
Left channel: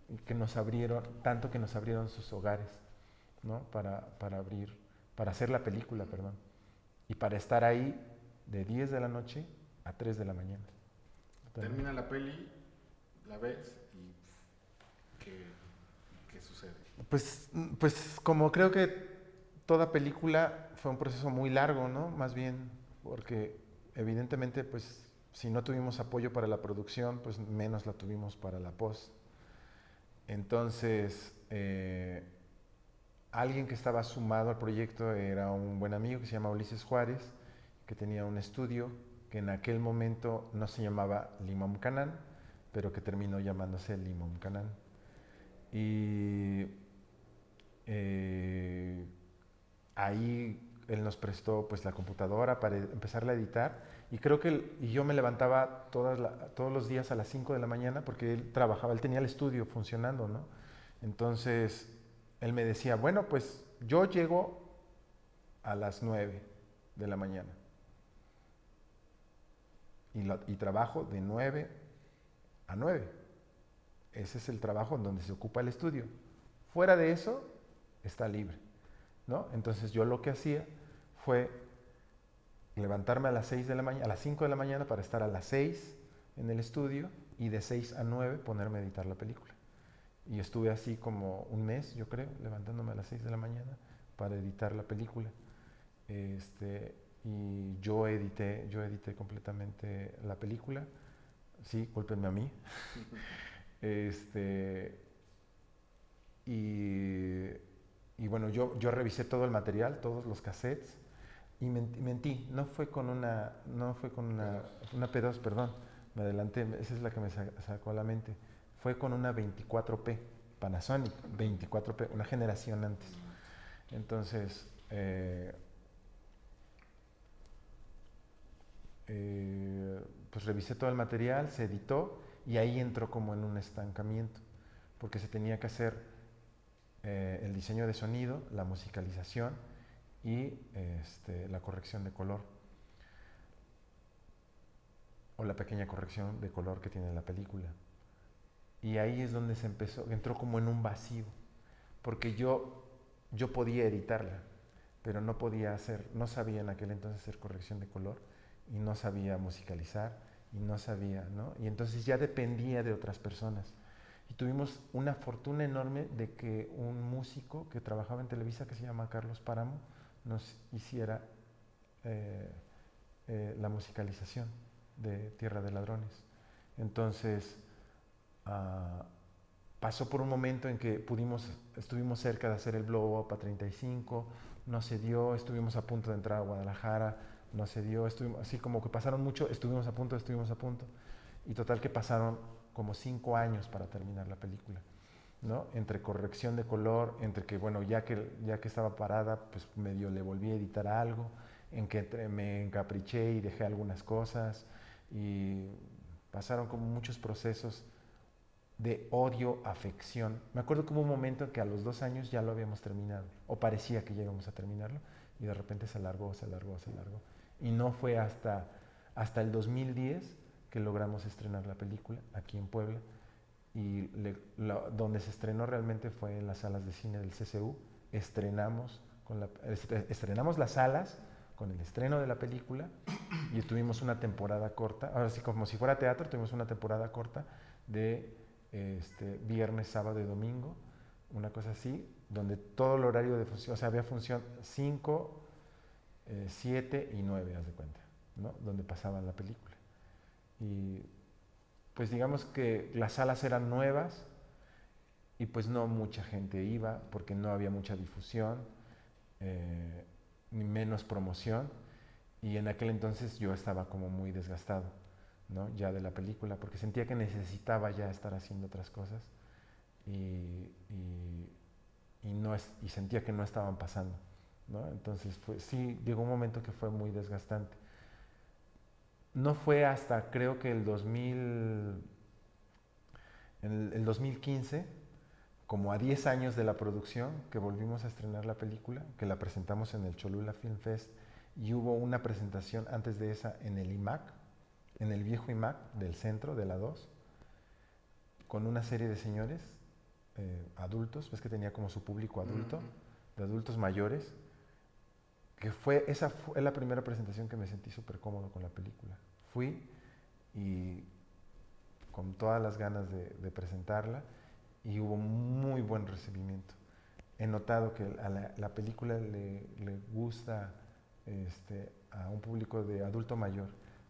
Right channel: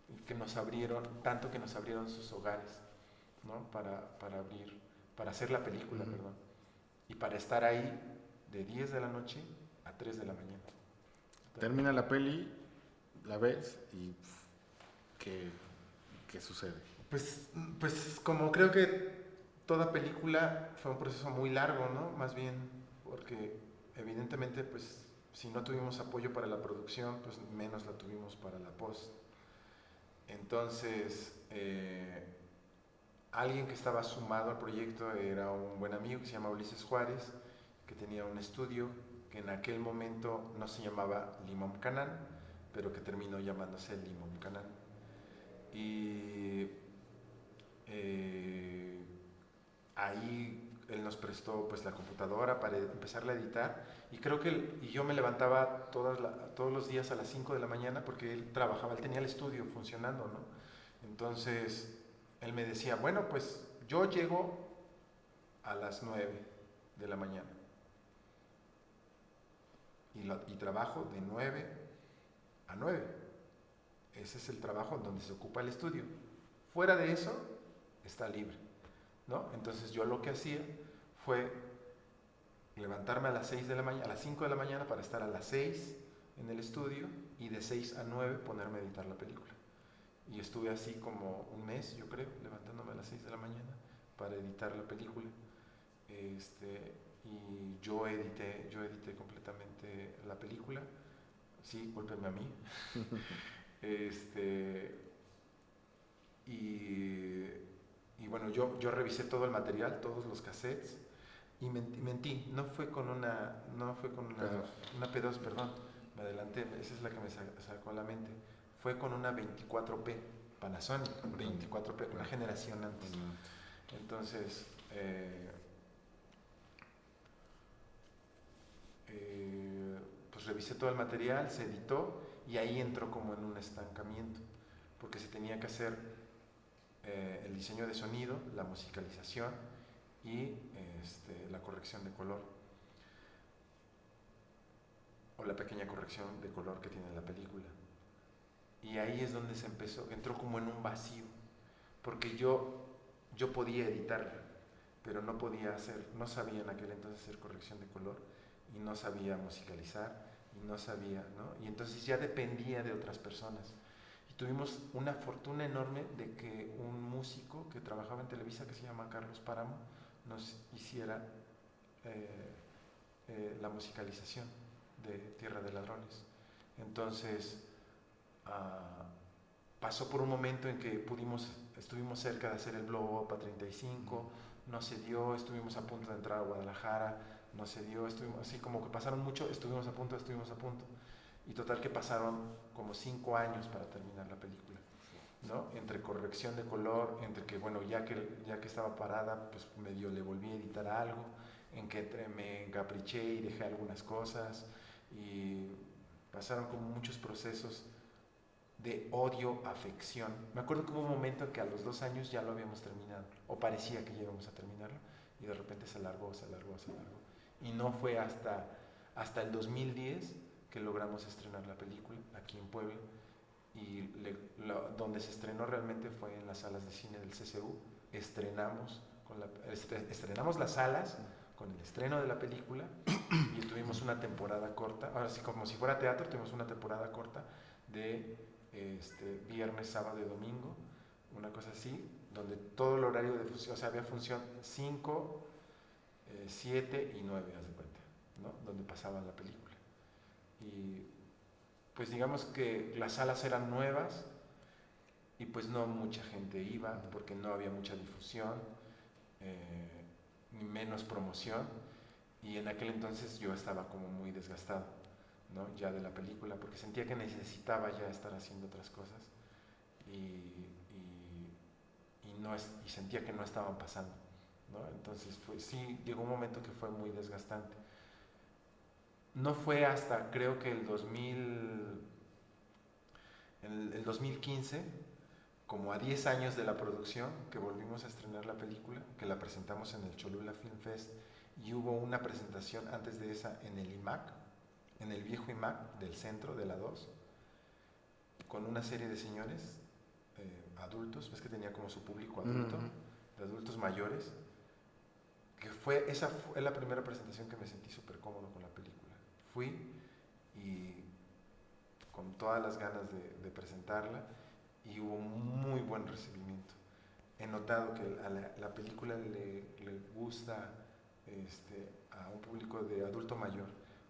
y que nos abrieron, tanto que nos abrieron sus hogares, ¿no? Para abrir, para hacer la película, perdón. Y para estar ahí de 10 de la noche a 3 de la mañana. Termina la peli, la ves y ¿qué sucede? Pues como creo que toda película fue un proceso muy largo, ¿no? Más bien porque evidentemente pues si no tuvimos apoyo para la producción, pues menos la tuvimos para la post. Entonces, alguien que estaba sumado al proyecto era un buen amigo que se llama Ulises Juárez, que tenía un estudio que en aquel momento no se llamaba Limón Canán, pero que terminó llamándose Limón Canán. Y ahí él nos prestó pues la computadora para empezar a editar y creo que y yo me levantaba todos los días a las 5 de la mañana porque él trabajaba, él tenía el estudio funcionando, ¿no? Entonces él me decía, bueno, pues yo llego a las 9 de la mañana y trabajo de 9 a 9. Ese es el trabajo en donde se ocupa el estudio. Fuera de eso, está libre, ¿no? Entonces yo lo que hacía fue levantarme a las 6 de la mañana, a las 5 de la mañana para estar a las 6 en el estudio y de 6 a 9 ponerme a editar la película. Y estuve así como un mes, yo creo, levantándome a las 6 de la mañana para editar la película. Y yo edité completamente la película. Sí, cúlpenme a mí. Y bueno, yo revisé todo el material, todos los cassettes, y mentí, no fue con una P2, perdón, me adelanté, esa es la que me sacó a la mente, fue con una 24P, Panasonic, 24P, una generación antes. Entonces, pues revisé todo el material, se editó, y ahí entró como en un estancamiento, porque se tenía que hacer el diseño de sonido, la musicalización y la corrección de color, o la pequeña corrección de color que tiene la película. Y ahí es donde entró como en un vacío, porque yo podía editarla, pero no sabía en aquel entonces hacer corrección de color, y no sabía musicalizar, y no sabía, ¿no? Y entonces ya dependía de otras personas. Y tuvimos una fortuna enorme de que un músico que trabajaba en Televisa, que se llama Carlos Páramo, nos hiciera la musicalización de Tierra de Ladrones. Entonces, pasó por un momento en que estuvimos cerca de hacer el blow up a 35, no se dio, estuvimos a punto de entrar a Guadalajara, no se dio, así como que pasaron mucho, estuvimos a punto, y total que pasaron como 5 años para terminar la película, ¿no? Entre corrección de color, entre que, bueno, ya que estaba parada, pues medio le volví a editar algo, en que me encapriché y dejé algunas cosas, y pasaron como muchos procesos de odio, afección. Me acuerdo que hubo un momento que a los 2 años ya lo habíamos terminado, o parecía que ya íbamos a terminarlo, y de repente se alargó. Y no fue hasta el 2010 que logramos estrenar la película aquí en Puebla, y donde se estrenó realmente fue en las salas de cine del CCU. Estrenamos las salas con el estreno de la película, y tuvimos una temporada corta, ahora sí como si fuera teatro, tuvimos una temporada corta de viernes, sábado y domingo, una cosa así, donde todo el horario de función, o sea, había función 5, 7 y 9, haz de cuenta, ¿no? Donde pasaban la película. Y pues digamos que las salas eran nuevas, y pues no mucha gente iba porque no había mucha difusión, ni menos promoción, y en aquel entonces yo estaba como muy desgastado, ¿no? Ya de la película, porque sentía que necesitaba ya estar haciendo otras cosas, y y sentía que no estaban pasando, ¿no? Entonces sí, llegó un momento que fue muy desgastante. No fue hasta creo que el 2015, como a 10 años de la producción, que volvimos a estrenar la película, que la presentamos en el Cholula Film Fest, y hubo una presentación antes de esa en el IMAC, en el viejo IMAC del centro, de la 2, con una serie de señores adultos, ves que tenía como su público adulto, de adultos mayores, que esa fue la primera presentación que me sentí súper cómodo con la película. Fui y con todas las ganas de presentarla, y hubo muy buen recibimiento. He notado que a la película le gusta a un público de adulto mayor,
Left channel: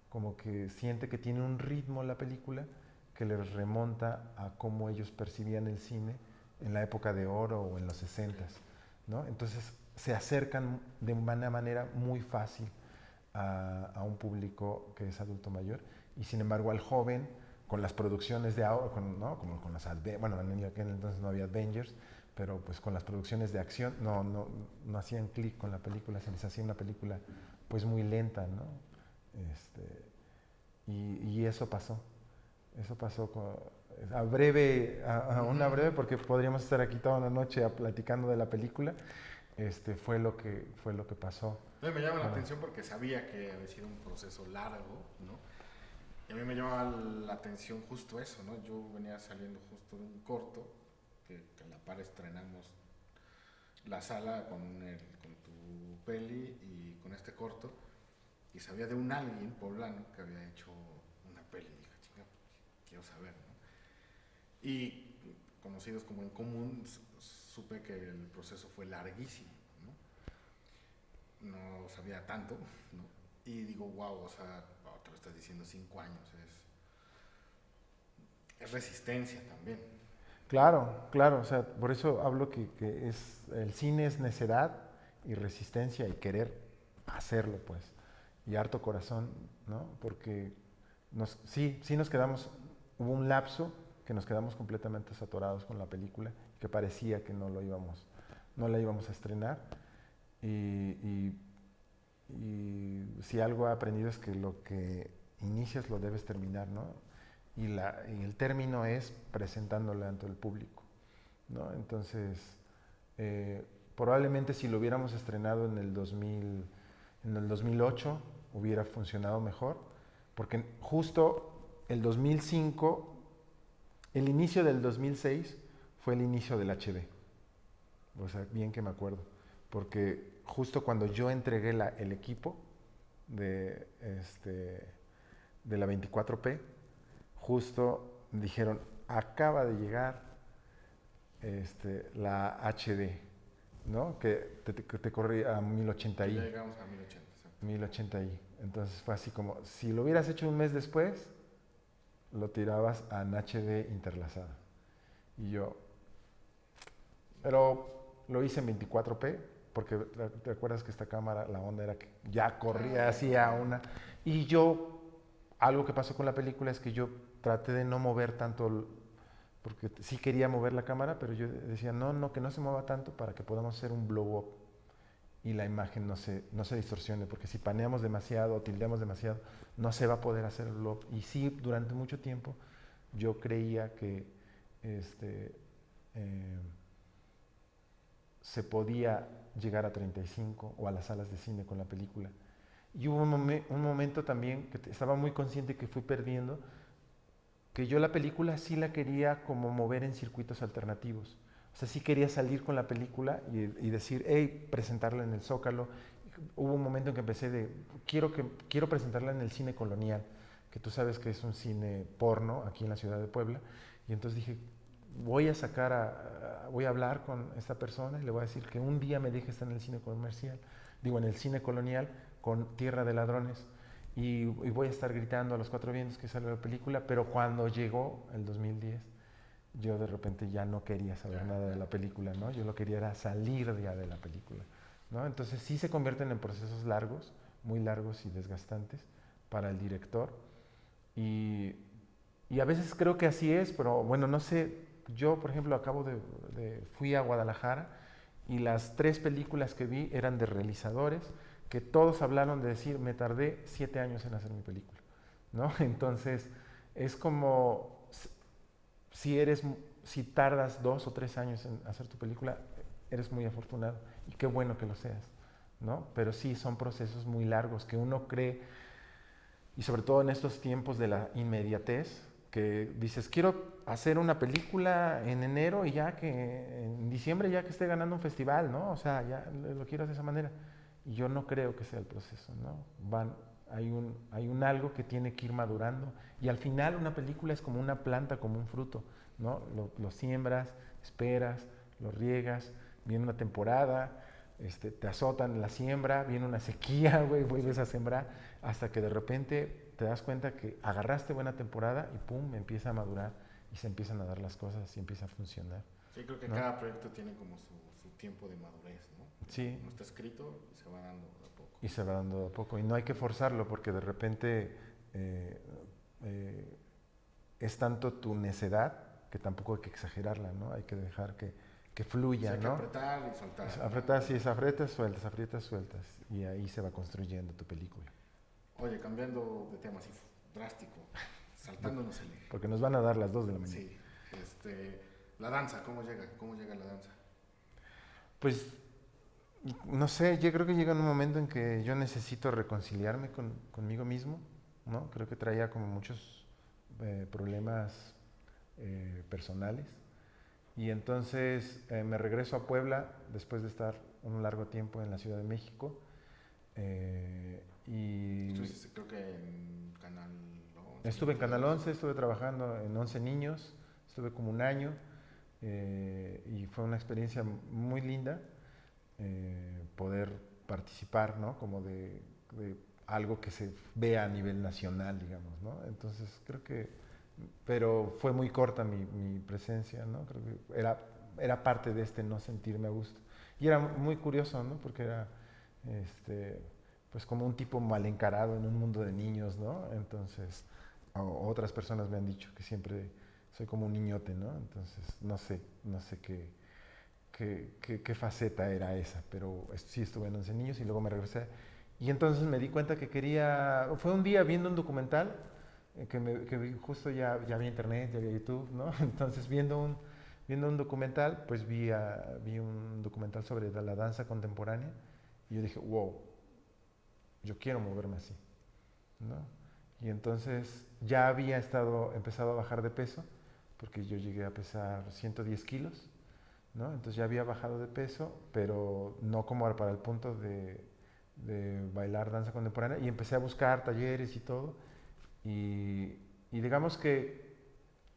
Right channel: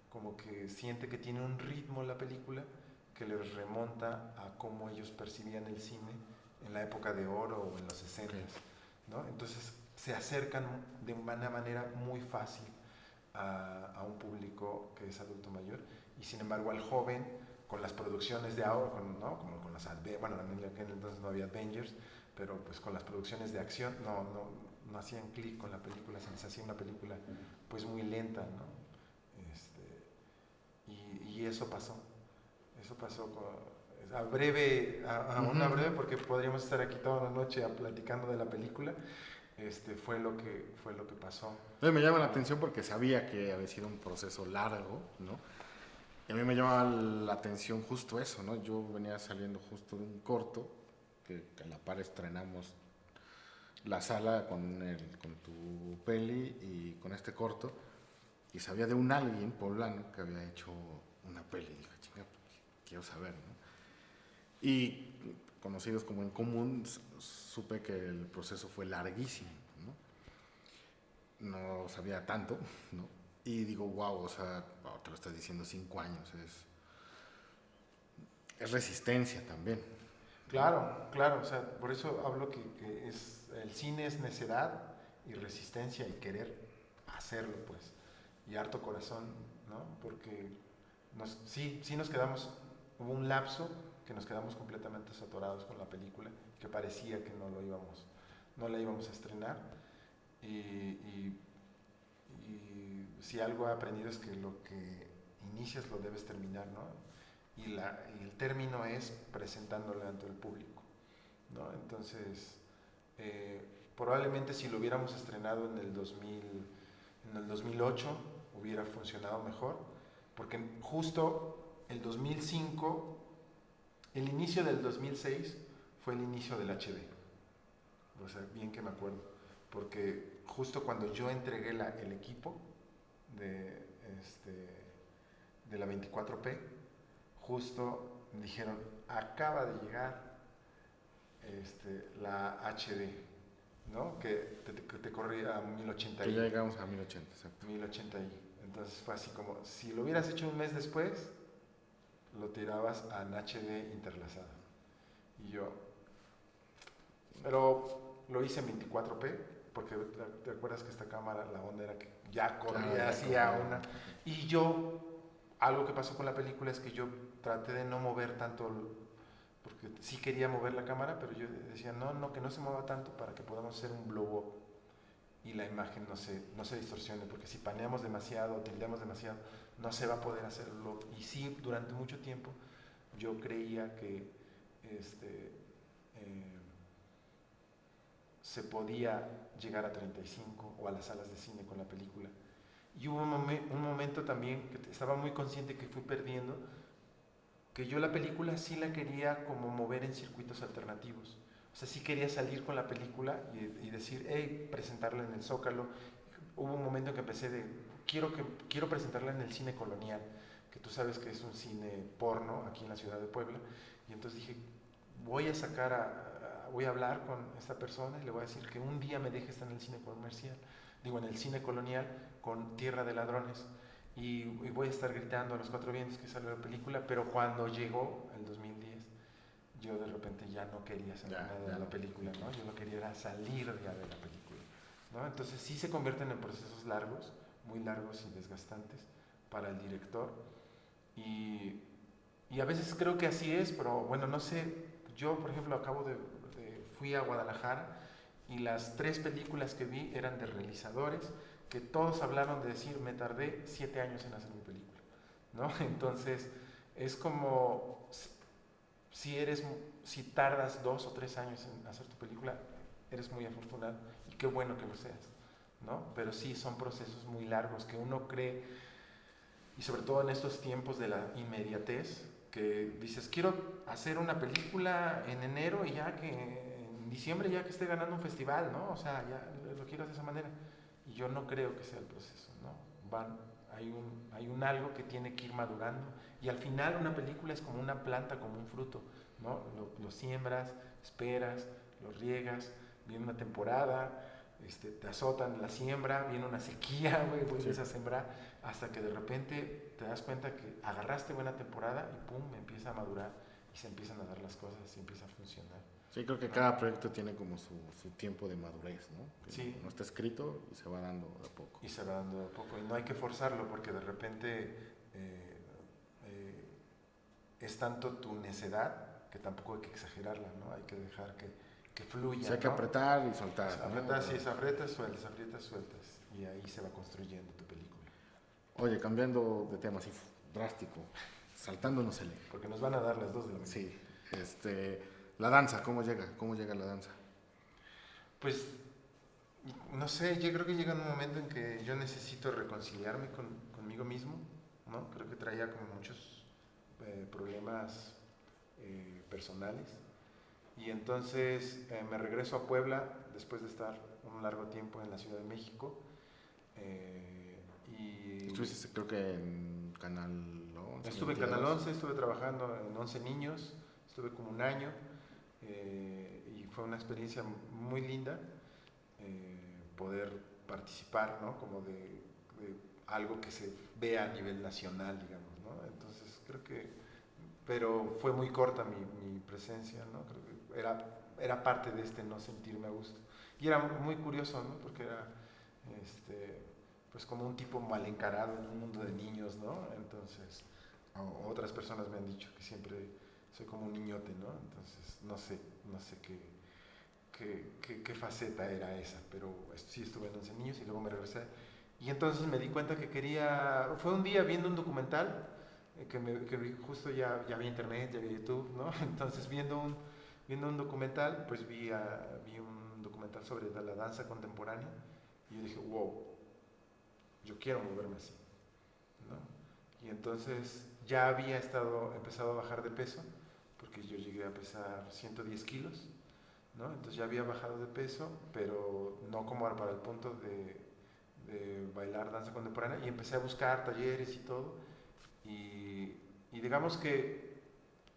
como que siente que tiene un ritmo la película que les remonta a cómo ellos percibían el cine en la época de oro o en los 60s, ¿no? Entonces se acercan de una manera muy fácil a un público que es adulto mayor, y sin embargo al joven, con las producciones de ahora, ¿no? Como con las, bueno, en aquel entonces no había Avengers, pero pues con las producciones de acción no hacían clic con la película, se les hacía una película pues muy lenta, ¿no? Y eso pasó una breve, porque podríamos estar aquí toda la noche platicando de la película. Fue lo que pasó. Me llama la atención porque sabía que había sido un proceso largo, ¿no? Y a mí me llamaba la atención justo eso, ¿no? Yo venía saliendo justo de un corto, que a la par estrenamos la sala con tu peli y con este corto, y sabía de un alguien poblano que había hecho una peli, y dije, chinga, quiero saber, ¿no? Y conocidos como en común, supe que el proceso fue larguísimo, ¿no? No sabía tanto, ¿no? Y digo, wow, o sea, te lo estás diciendo, 5 años, es resistencia también. Claro, o sea, por eso hablo que el cine es necedad y resistencia y querer hacerlo, pues, y harto corazón, ¿no? Porque sí nos quedamos, hubo un lapso que nos quedamos completamente saturados con la película, que parecía que no la íbamos a estrenar, y si algo he aprendido es que lo que inicias lo debes terminar, ¿no? Y el término es presentándole ante el público, ¿no? Entonces, probablemente si lo hubiéramos estrenado en el 2008 hubiera funcionado mejor, porque justo el 2005, el inicio del 2006 fue el inicio del HD. O sea, bien que me acuerdo, porque justo cuando yo entregué el equipo de la 24p, justo dijeron, acaba de llegar la HD, ¿no? Que te corría a 1080i. Ya llegamos a 1080, exacto. 1080i. Entonces fue así como, si lo hubieras hecho un mes después, lo tirabas a HD interlazada. Y yo, pero lo hice en 24p, porque te acuerdas que esta cámara, la onda era que ya corría así a una. Y algo que pasó con la película es que yo traté de no mover tanto, porque sí quería mover la cámara, pero yo decía, no, que no se mueva tanto para que podamos hacer un blow up y la imagen no se distorsione, porque si paneamos demasiado o tildeamos demasiado, no se va a poder hacer el blow up. Y sí, durante mucho tiempo yo creía que se podía llegar a 35 o a las salas de cine con la película. Y hubo un momento también que estaba muy consciente que fui perdiendo, que yo la película sí la quería como mover en circuitos alternativos. O sea, sí quería salir con la película y decir, hey, presentarla en el Zócalo. Hubo un momento en que empecé quiero presentarla en el cine colonial, que tú sabes que es un cine porno aquí en la ciudad de Puebla. Y entonces dije, voy a hablar con esta persona y le voy a decir que un día me deje estar en el cine comercial, en el cine colonial con Tierra de Ladrones, y voy a estar gritando a los 4 vientos que sale la película. Pero cuando llegó el 2010, yo de repente ya no quería saber nada de la película, ¿no? Yo lo quería era salir ya de la película, ¿no? Entonces sí se convierten en procesos largos, muy largos y desgastantes para el director, y a veces creo que así es, pero bueno, no sé. Yo, por ejemplo, fui a Guadalajara y las 3 películas que vi eran de realizadores que todos hablaron de decir, me tardé 7 años en hacer mi película, ¿no? Entonces, es como si tardas 2 o 3 años en hacer tu película, eres muy afortunado y qué bueno que lo seas, ¿no? Pero sí, son procesos muy largos que uno cree, y sobre todo en estos tiempos de la inmediatez, que dices, quiero hacer una película en enero y ya que en diciembre ya que esté ganando un festival, ¿no? O sea, ya lo quiero de esa manera. Y yo no creo que sea el proceso, ¿no? Hay un algo que tiene que ir madurando y al final una película es como una planta, como un fruto, ¿no? Lo siembras, esperas, lo riegas, viene una temporada, te azotan la siembra, viene una sequía, güey, vuelves a sembrar, hasta que de repente te das cuenta que agarraste buena temporada y pum, empieza a madurar y se empiezan a dar las cosas y empieza a funcionar. Sí, creo que ¿no? cada proyecto tiene como su tiempo de madurez, ¿no? Que Sí. no está escrito y se va dando de a poco. Y se va dando de a poco. Y no hay que forzarlo porque de repente es tanto tu necedad que tampoco hay que exagerarla, ¿no? Hay que dejar que fluya, hay que ¿no? apretar y soltar. Apretar, sí, es aprietas, sueltas. Y ahí se va construyendo tu película. Oye, cambiando de tema así drástico, saltándonos el eje. Porque nos van a dar las 2 de la mañana. Sí, la danza, ¿cómo llega? ¿Cómo llega la danza? Pues, no sé, yo creo que llega un momento en que yo necesito reconciliarme conmigo mismo, ¿no? Creo que traía como muchos problemas personales. Y entonces me regreso a Puebla después de estar un largo tiempo en la Ciudad de México. Y Estuviste creo que en Canal 11. estuve en Canal 11, estuve trabajando en 11 niños, estuve como un año y fue una experiencia muy linda poder participar, ¿no? Como de algo que se vea a nivel nacional, digamos, ¿no? Entonces creo que, pero fue muy corta mi presencia, ¿no? Creo que era parte de no sentirme a gusto. Y era muy curioso, ¿no? Porque era, pues como un tipo mal encarado en un mundo de niños, ¿no? Entonces, otras personas me han dicho que siempre soy como un niñote, ¿no? Entonces, no sé qué faceta era esa, pero sí estuve en 11 niños y luego me regresé. Y entonces me di cuenta que fue un día viendo un documental, que justo ya había internet, ya había YouTube, ¿no? Entonces viendo un documental, pues vi un documental sobre la danza contemporánea y yo dije, wow, yo quiero moverme así, ¿no? Y entonces ya había empezado a bajar de peso, porque yo llegué a pesar 110 kilos, ¿no? Entonces ya había bajado de peso, pero no como para el punto de bailar danza contemporánea, y empecé a buscar talleres y todo, y digamos que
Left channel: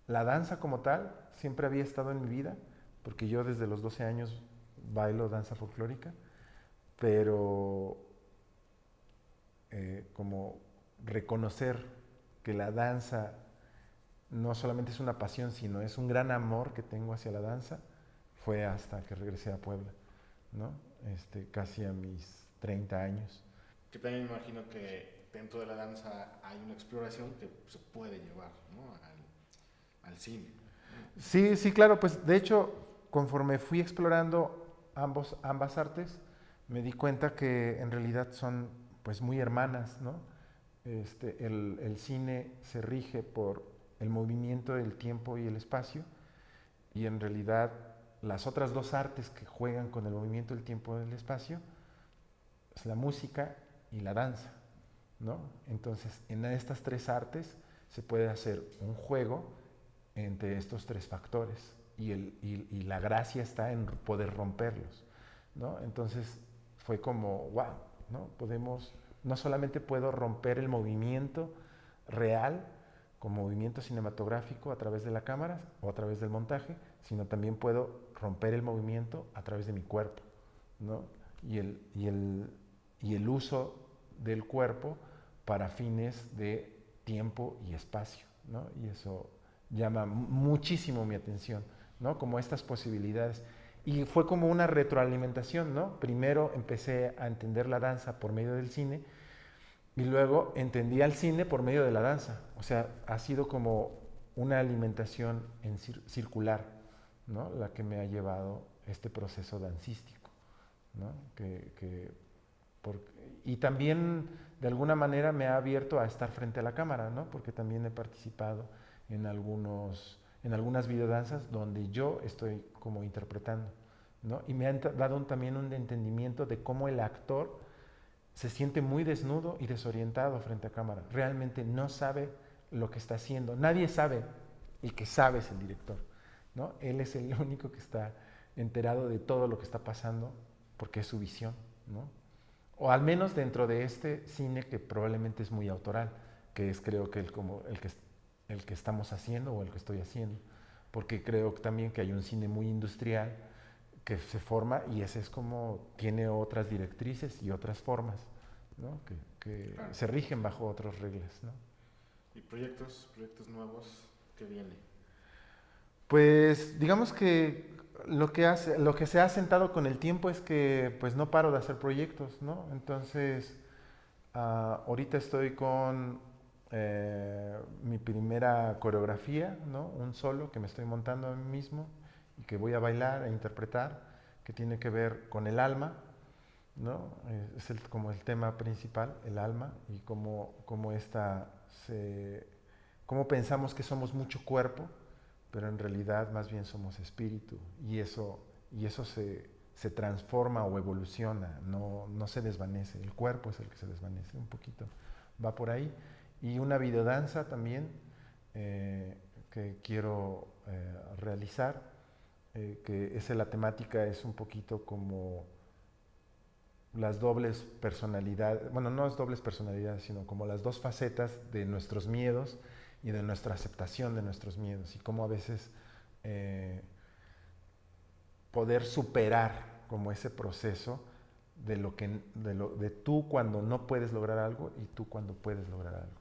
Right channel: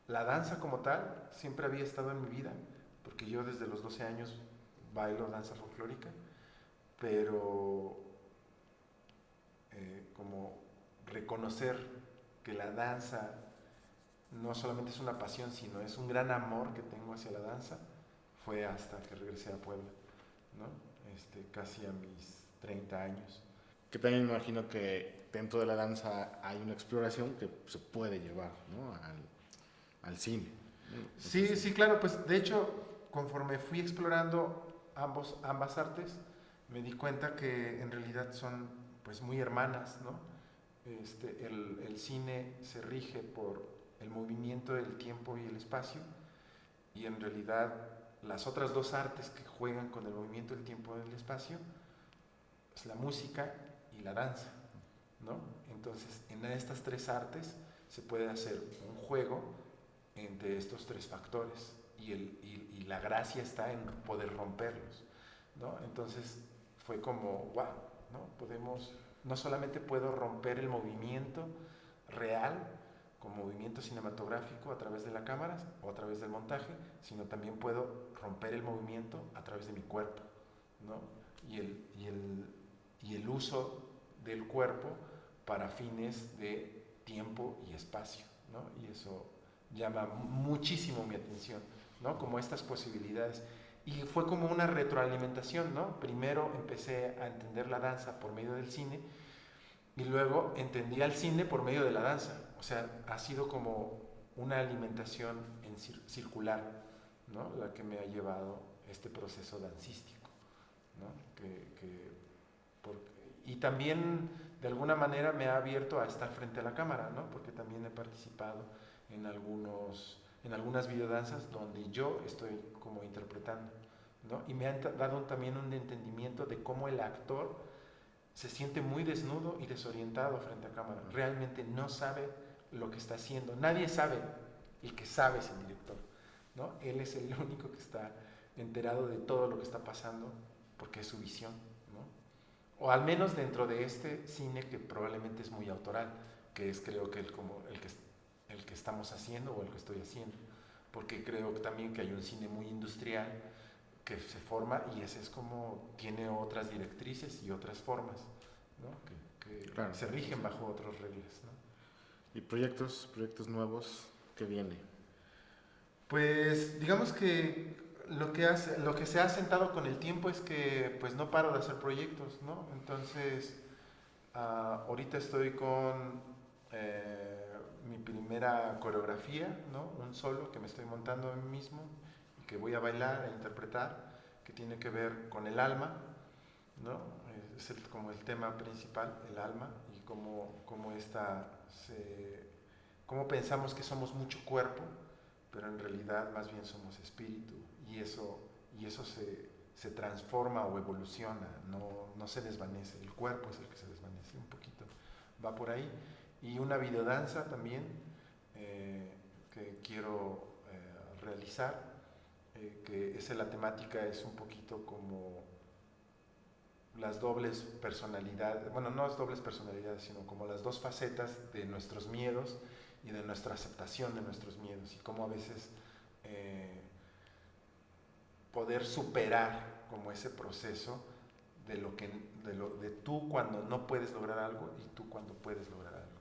la danza como tal siempre había estado en mi vida, porque yo desde los 12 años bailo danza folclórica, pero como reconocer que la danza no solamente es una pasión, sino es un gran amor que tengo hacia la danza, fue hasta que regresé a Puebla, ¿no? Casi a mis 30 años. Que también me imagino que dentro de la danza hay una exploración que se puede llevar, ¿no? al cine. Sí, claro, pues de hecho, conforme fui explorando ambas artes, me di cuenta que en realidad son pues muy hermanas, ¿no? El cine se rige por el movimiento del tiempo y el espacio, y en realidad las otras 2 artes que juegan con el movimiento del tiempo y del espacio es la música y la danza, ¿no? Entonces, en estas 3 artes se puede hacer un juego entre estos 3 factores y la gracia está en poder romperlos, ¿no? Entonces fue como, wow, ¿no? No solamente puedo romper el movimiento real con movimiento cinematográfico a través de la cámara o a través del montaje, sino también puedo romper el movimiento a través de mi cuerpo, ¿no? Y el uso del cuerpo para fines de tiempo y espacio, ¿no? Y eso llama muchísimo mi atención, ¿no? Como estas posibilidades. Y fue como una retroalimentación, ¿no? Primero empecé a entender la danza por medio del cine y luego entendí al cine por medio de la danza. O sea, ha sido como una alimentación circular, ¿no? La que me ha llevado este proceso dancístico. ¿no? Por- y también de alguna manera me ha abierto a estar frente a la cámara, ¿no? Porque también he participado en algunas videodanzas donde yo estoy como interpretando, ¿no? Y me han dado también un entendimiento de cómo el actor se siente muy desnudo y desorientado frente a cámara. Realmente no sabe lo que está haciendo. Nadie sabe. El que sabe es el director, ¿no? Él es el único que está enterado de todo lo que está pasando porque es su visión, ¿no? O al menos dentro de este cine que probablemente es muy autoral, que es creo que el que estamos haciendo o el que estoy haciendo, porque creo también que hay un cine muy industrial que se forma y ese es como tiene otras directrices y otras formas, ¿no? Que Claro. se rigen bajo otras reglas, ¿no? ¿Y proyectos nuevos que viene? Pues digamos que lo que se ha sentado con el tiempo es que pues no paro de hacer proyectos, ¿no? Entonces, ahorita estoy con mi primera coreografía, ¿no? Un solo que me estoy montando a mí mismo y que voy a bailar e interpretar, que tiene que ver con el alma, ¿no? Es como el tema principal, el alma, y cómo pensamos que somos mucho cuerpo, pero en realidad más bien somos espíritu, y eso se transforma o evoluciona, no se desvanece, el cuerpo es el que se desvanece un poquito, va por ahí. Y una videodanza también que quiero realizar, que la temática es un poquito como las dobles personalidades, bueno, no las dobles personalidades, sino como las dos facetas de nuestros miedos y de nuestra aceptación de nuestros miedos y cómo a veces poder superar como ese proceso de tú cuando no puedes lograr algo y tú cuando puedes lograr algo.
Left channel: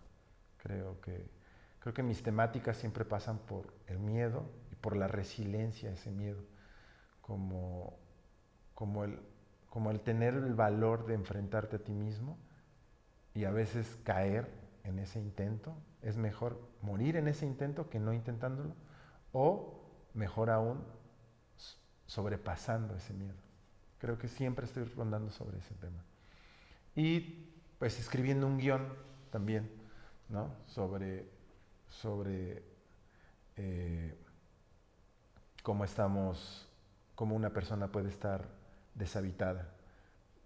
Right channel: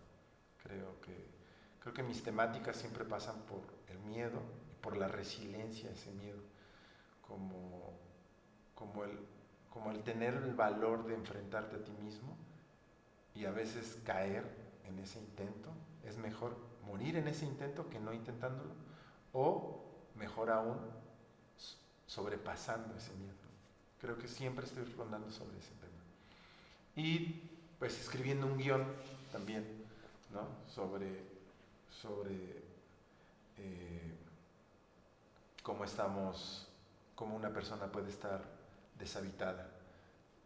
Creo que mis temáticas siempre pasan por el miedo y por la resiliencia a ese miedo, como, como el, como el tener el valor de enfrentarte a ti mismo y a veces caer en ese intento. Es mejor morir en ese intento que no intentándolo, o mejor aún, sobrepasando ese miedo. Creo que siempre estoy rondando sobre ese tema. Y pues escribiendo un guión también, ¿no? Sobre cómo una persona puede estar deshabitada.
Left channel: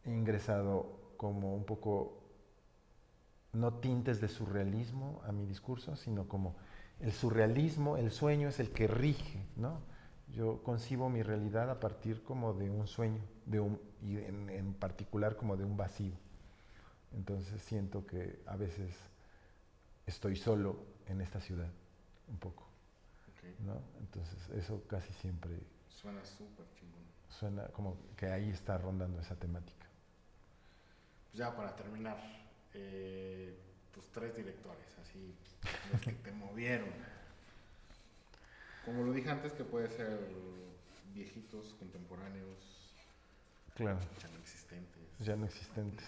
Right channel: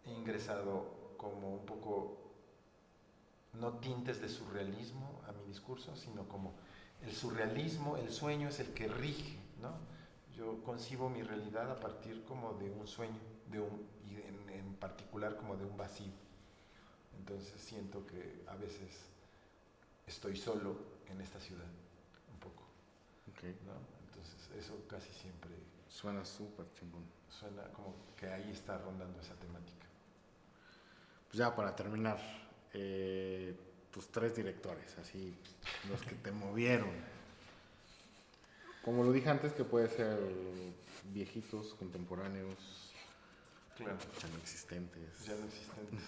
He ingresado como un poco, no tintes de surrealismo a mi discurso, sino como el surrealismo, el sueño es el que rige, ¿no? Yo concibo mi realidad a partir como de un sueño, y en particular como de un vacío. Entonces siento que a veces estoy solo en esta ciudad, un poco, Okay. ¿no? Entonces eso casi siempre Suena súper chingón. suena como que ahí está rondando esa temática. Pues ya para terminar, tus 3 directores, así, los que te movieron. Como lo dije antes, que puede ser viejitos, contemporáneos, Claro, ya no existentes. ya no existentes.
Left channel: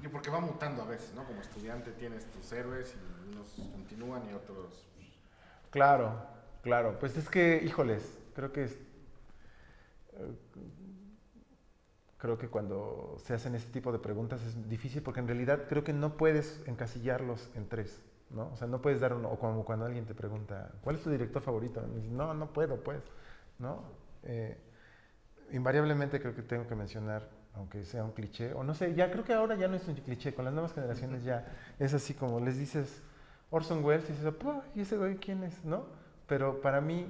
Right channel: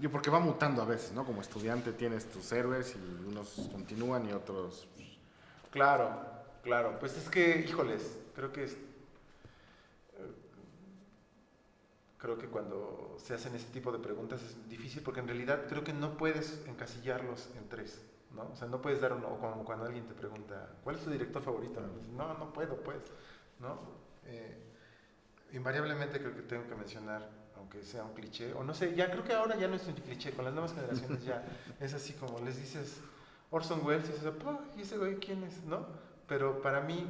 Yo porque va mutando a veces, ¿no? Como estudiante tienes tus héroes y unos continúan y otros... Claro, claro. Pues es que, híjoles, creo que cuando se hacen este tipo de preguntas es difícil porque en realidad creo que no puedes encasillarlos en tres, ¿no? O sea, no puedes dar uno, o como cuando alguien te pregunta, ¿cuál es tu director favorito? No, no puedo, pues, ¿no? Invariablemente creo que tengo que mencionar, aunque sea un cliché, o no sé, ya creo que ahora ya no es un cliché, con las nuevas generaciones ya es así como les dices Orson Welles y dices, ¿y ese güey quién es? ¿No? Pero para mí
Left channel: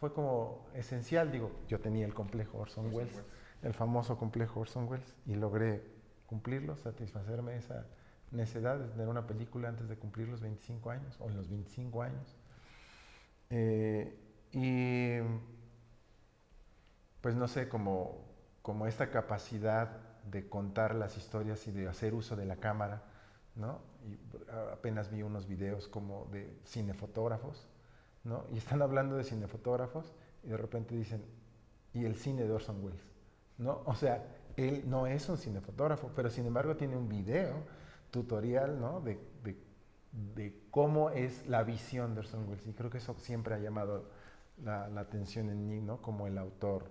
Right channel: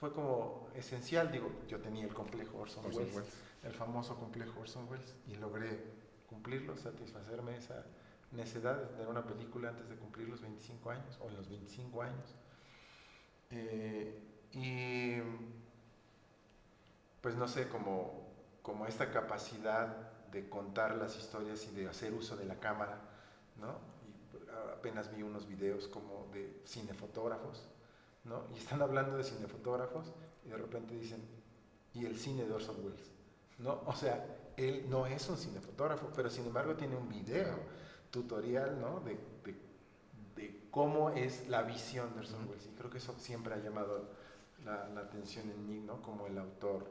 fue como esencial, digo, yo tenía el complejo Orson Welles, el famoso complejo Orson Welles, y logré cumplirlo, satisfacerme esa necesidad de tener una película antes de cumplir los 25 años, o en los 25 años. Y pues no sé, como esta capacidad de contar las historias y de hacer uso de la cámara, ¿no? Y apenas vi unos videos como de cinefotógrafos, ¿no? Y están hablando de cinefotógrafos y de repente dicen, y el cine de Orson Welles, ¿no? O sea, él no es un cinefotógrafo, pero sin embargo tiene un video tutorial, ¿no? De cómo es la visión de Orson Welles. Y creo que eso siempre ha llamado la atención en mí, ¿no? Como el autor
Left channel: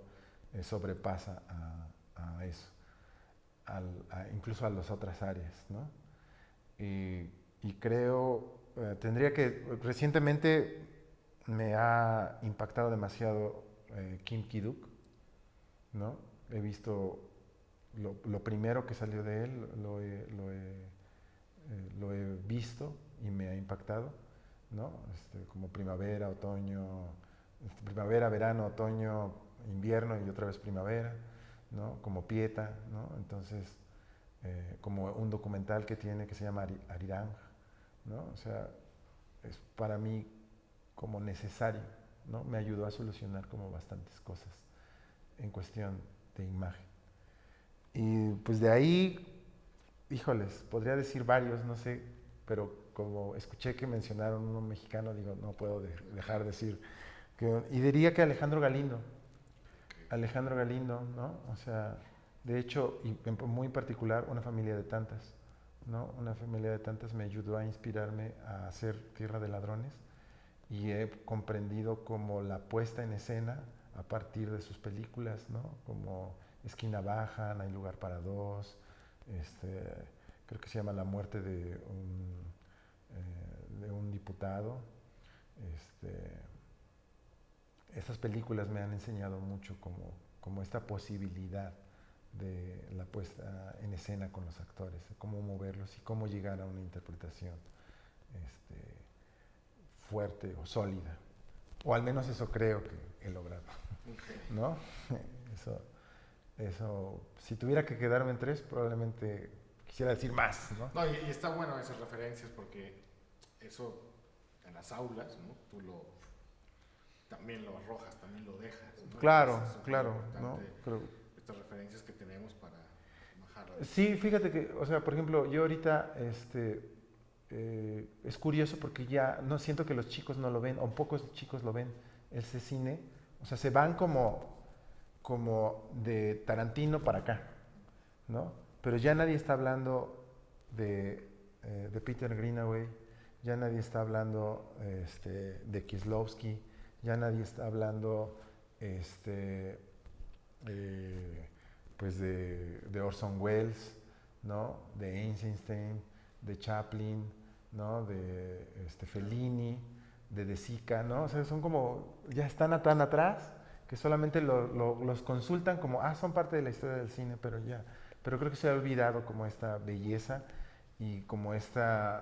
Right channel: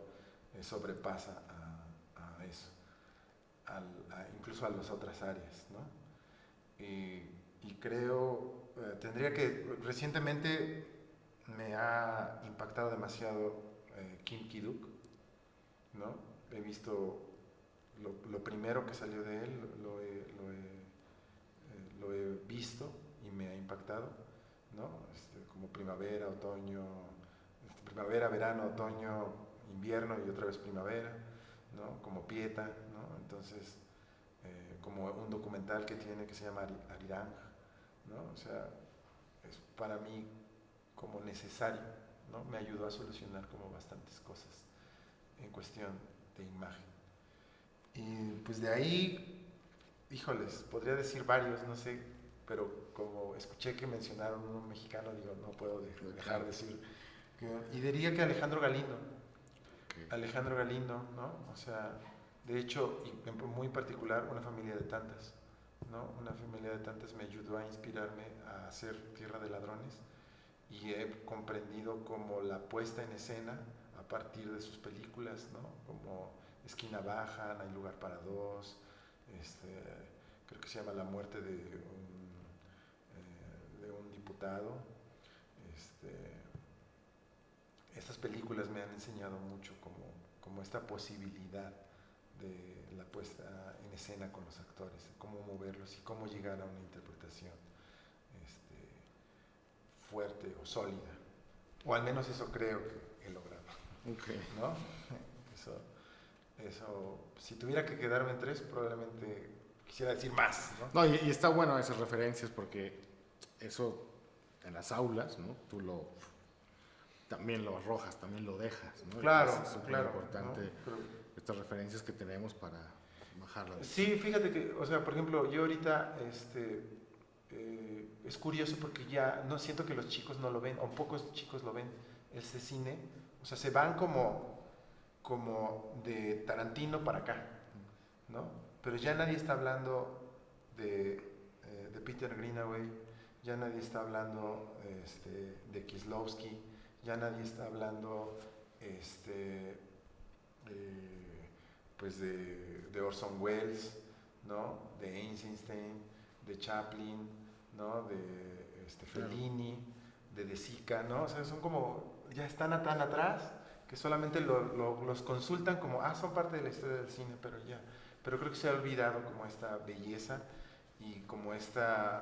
sobrepasa a eso, incluso a las otras áreas, ¿no? Y creo, recientemente me ha impactado demasiado Kim Ki-duk, ¿no? He visto lo primero que salió de él, lo he visto y me ha impactado, ¿no? Como primavera, otoño, primavera, verano, otoño, invierno y otra vez primavera, ¿no? Como Pieta, ¿no? Entonces, como un documental que tiene que se llama Arirang, ¿no? O sea, es para mí como necesario, ¿no? Me ayudó a solucionar como bastantes cosas en cuestión de imagen. Y pues de ahí, híjoles, podría decir varios, no sé, pero como escuché que mencionaron uno mexicano, digo, no puedo dejar de decir y diría que Alejandro Galindo. Alejandro Galindo, ¿no? O sea, de hecho, y muy en particular, Una familia de tantas, ¿no? Una familia de tantas me ayudó a inspirarme a hacer Tierra de ladrones y he comprendido como la puesta en escena a partir de sus películas, ¿no? Como Esquina Baja, No hay lugar para dos, creo que se llama La muerte de un diputado. Estas películas me han enseñado mucho como esta posibilidad de la puesta en escena con los actores, cómo moverlos y cómo llegar a una interpretación fuerte o sólida. O al menos eso creo que he logrado. Okay. ¿No? Eso, si tuviera que quedarme en tres, probablemente quisiera decir más, ¿no? No, y está bueno esas referencias porque eso en las aulas, ¿no? Tú también lo arrojas, también lo dejas, ¿no? Claro, entonces, es claro. importante, ¿no? estas referencias que tenemos para bajarlas. Sí, fíjate que, o sea, por ejemplo, yo ahorita, es curioso porque ya no siento que los chicos no lo ven, o pocos chicos lo ven, este cine, o sea, se van como de Tarantino para acá, ¿no? Pero ya nadie está hablando de Peter Greenaway, ya nadie está hablando de Kieslowski, ya nadie está hablando pues de Orson Welles, ¿no? De Eisenstein, de Chaplin, ¿no? De Fellini, de Sica, ¿no? O sea, son como, ya están tan atrás que solamente los consultan como, son parte de la historia del cine, pero creo que se ha olvidado como esta belleza y como esta,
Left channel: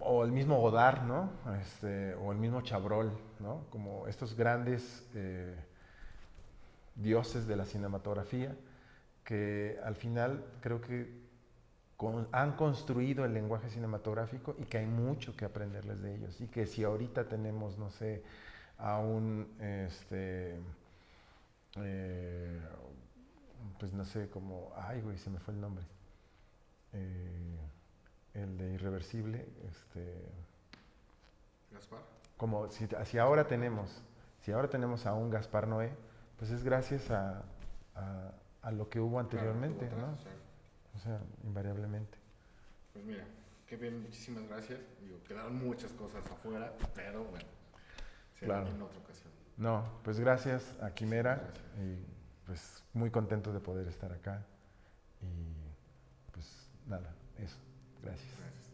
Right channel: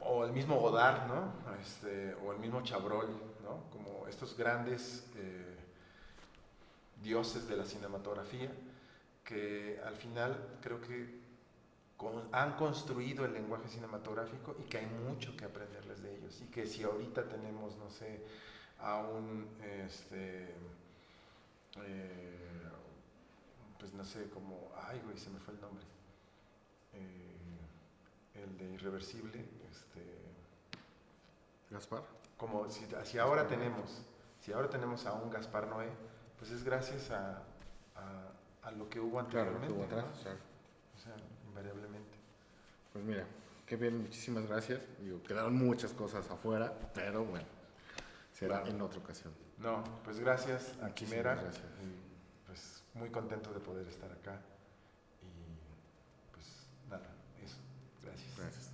o el mismo Godard, ¿no? O el mismo Chabrol, ¿no? Como estos grandes dioses de la cinematografía que al final creo que han construido el lenguaje cinematográfico y que hay mucho que aprenderles de ellos y que si ahorita tenemos, no sé, a un pues no sé, como, se me fue el nombre, el de Irreversible, Gaspar. como si ahora tenemos a un Gaspar Noé, pues es gracias a lo que hubo anteriormente, claro, atrás, ¿no? claro. O sea, invariablemente. Pues mira, qué bien, muchísimas gracias. Digo, quedaron muchas cosas afuera, pero bueno, será en otra ocasión. No, pues gracias a Quimera. Gracias. Pues muy contento de poder estar acá. Y pues nada, eso. Gracias. Gracias.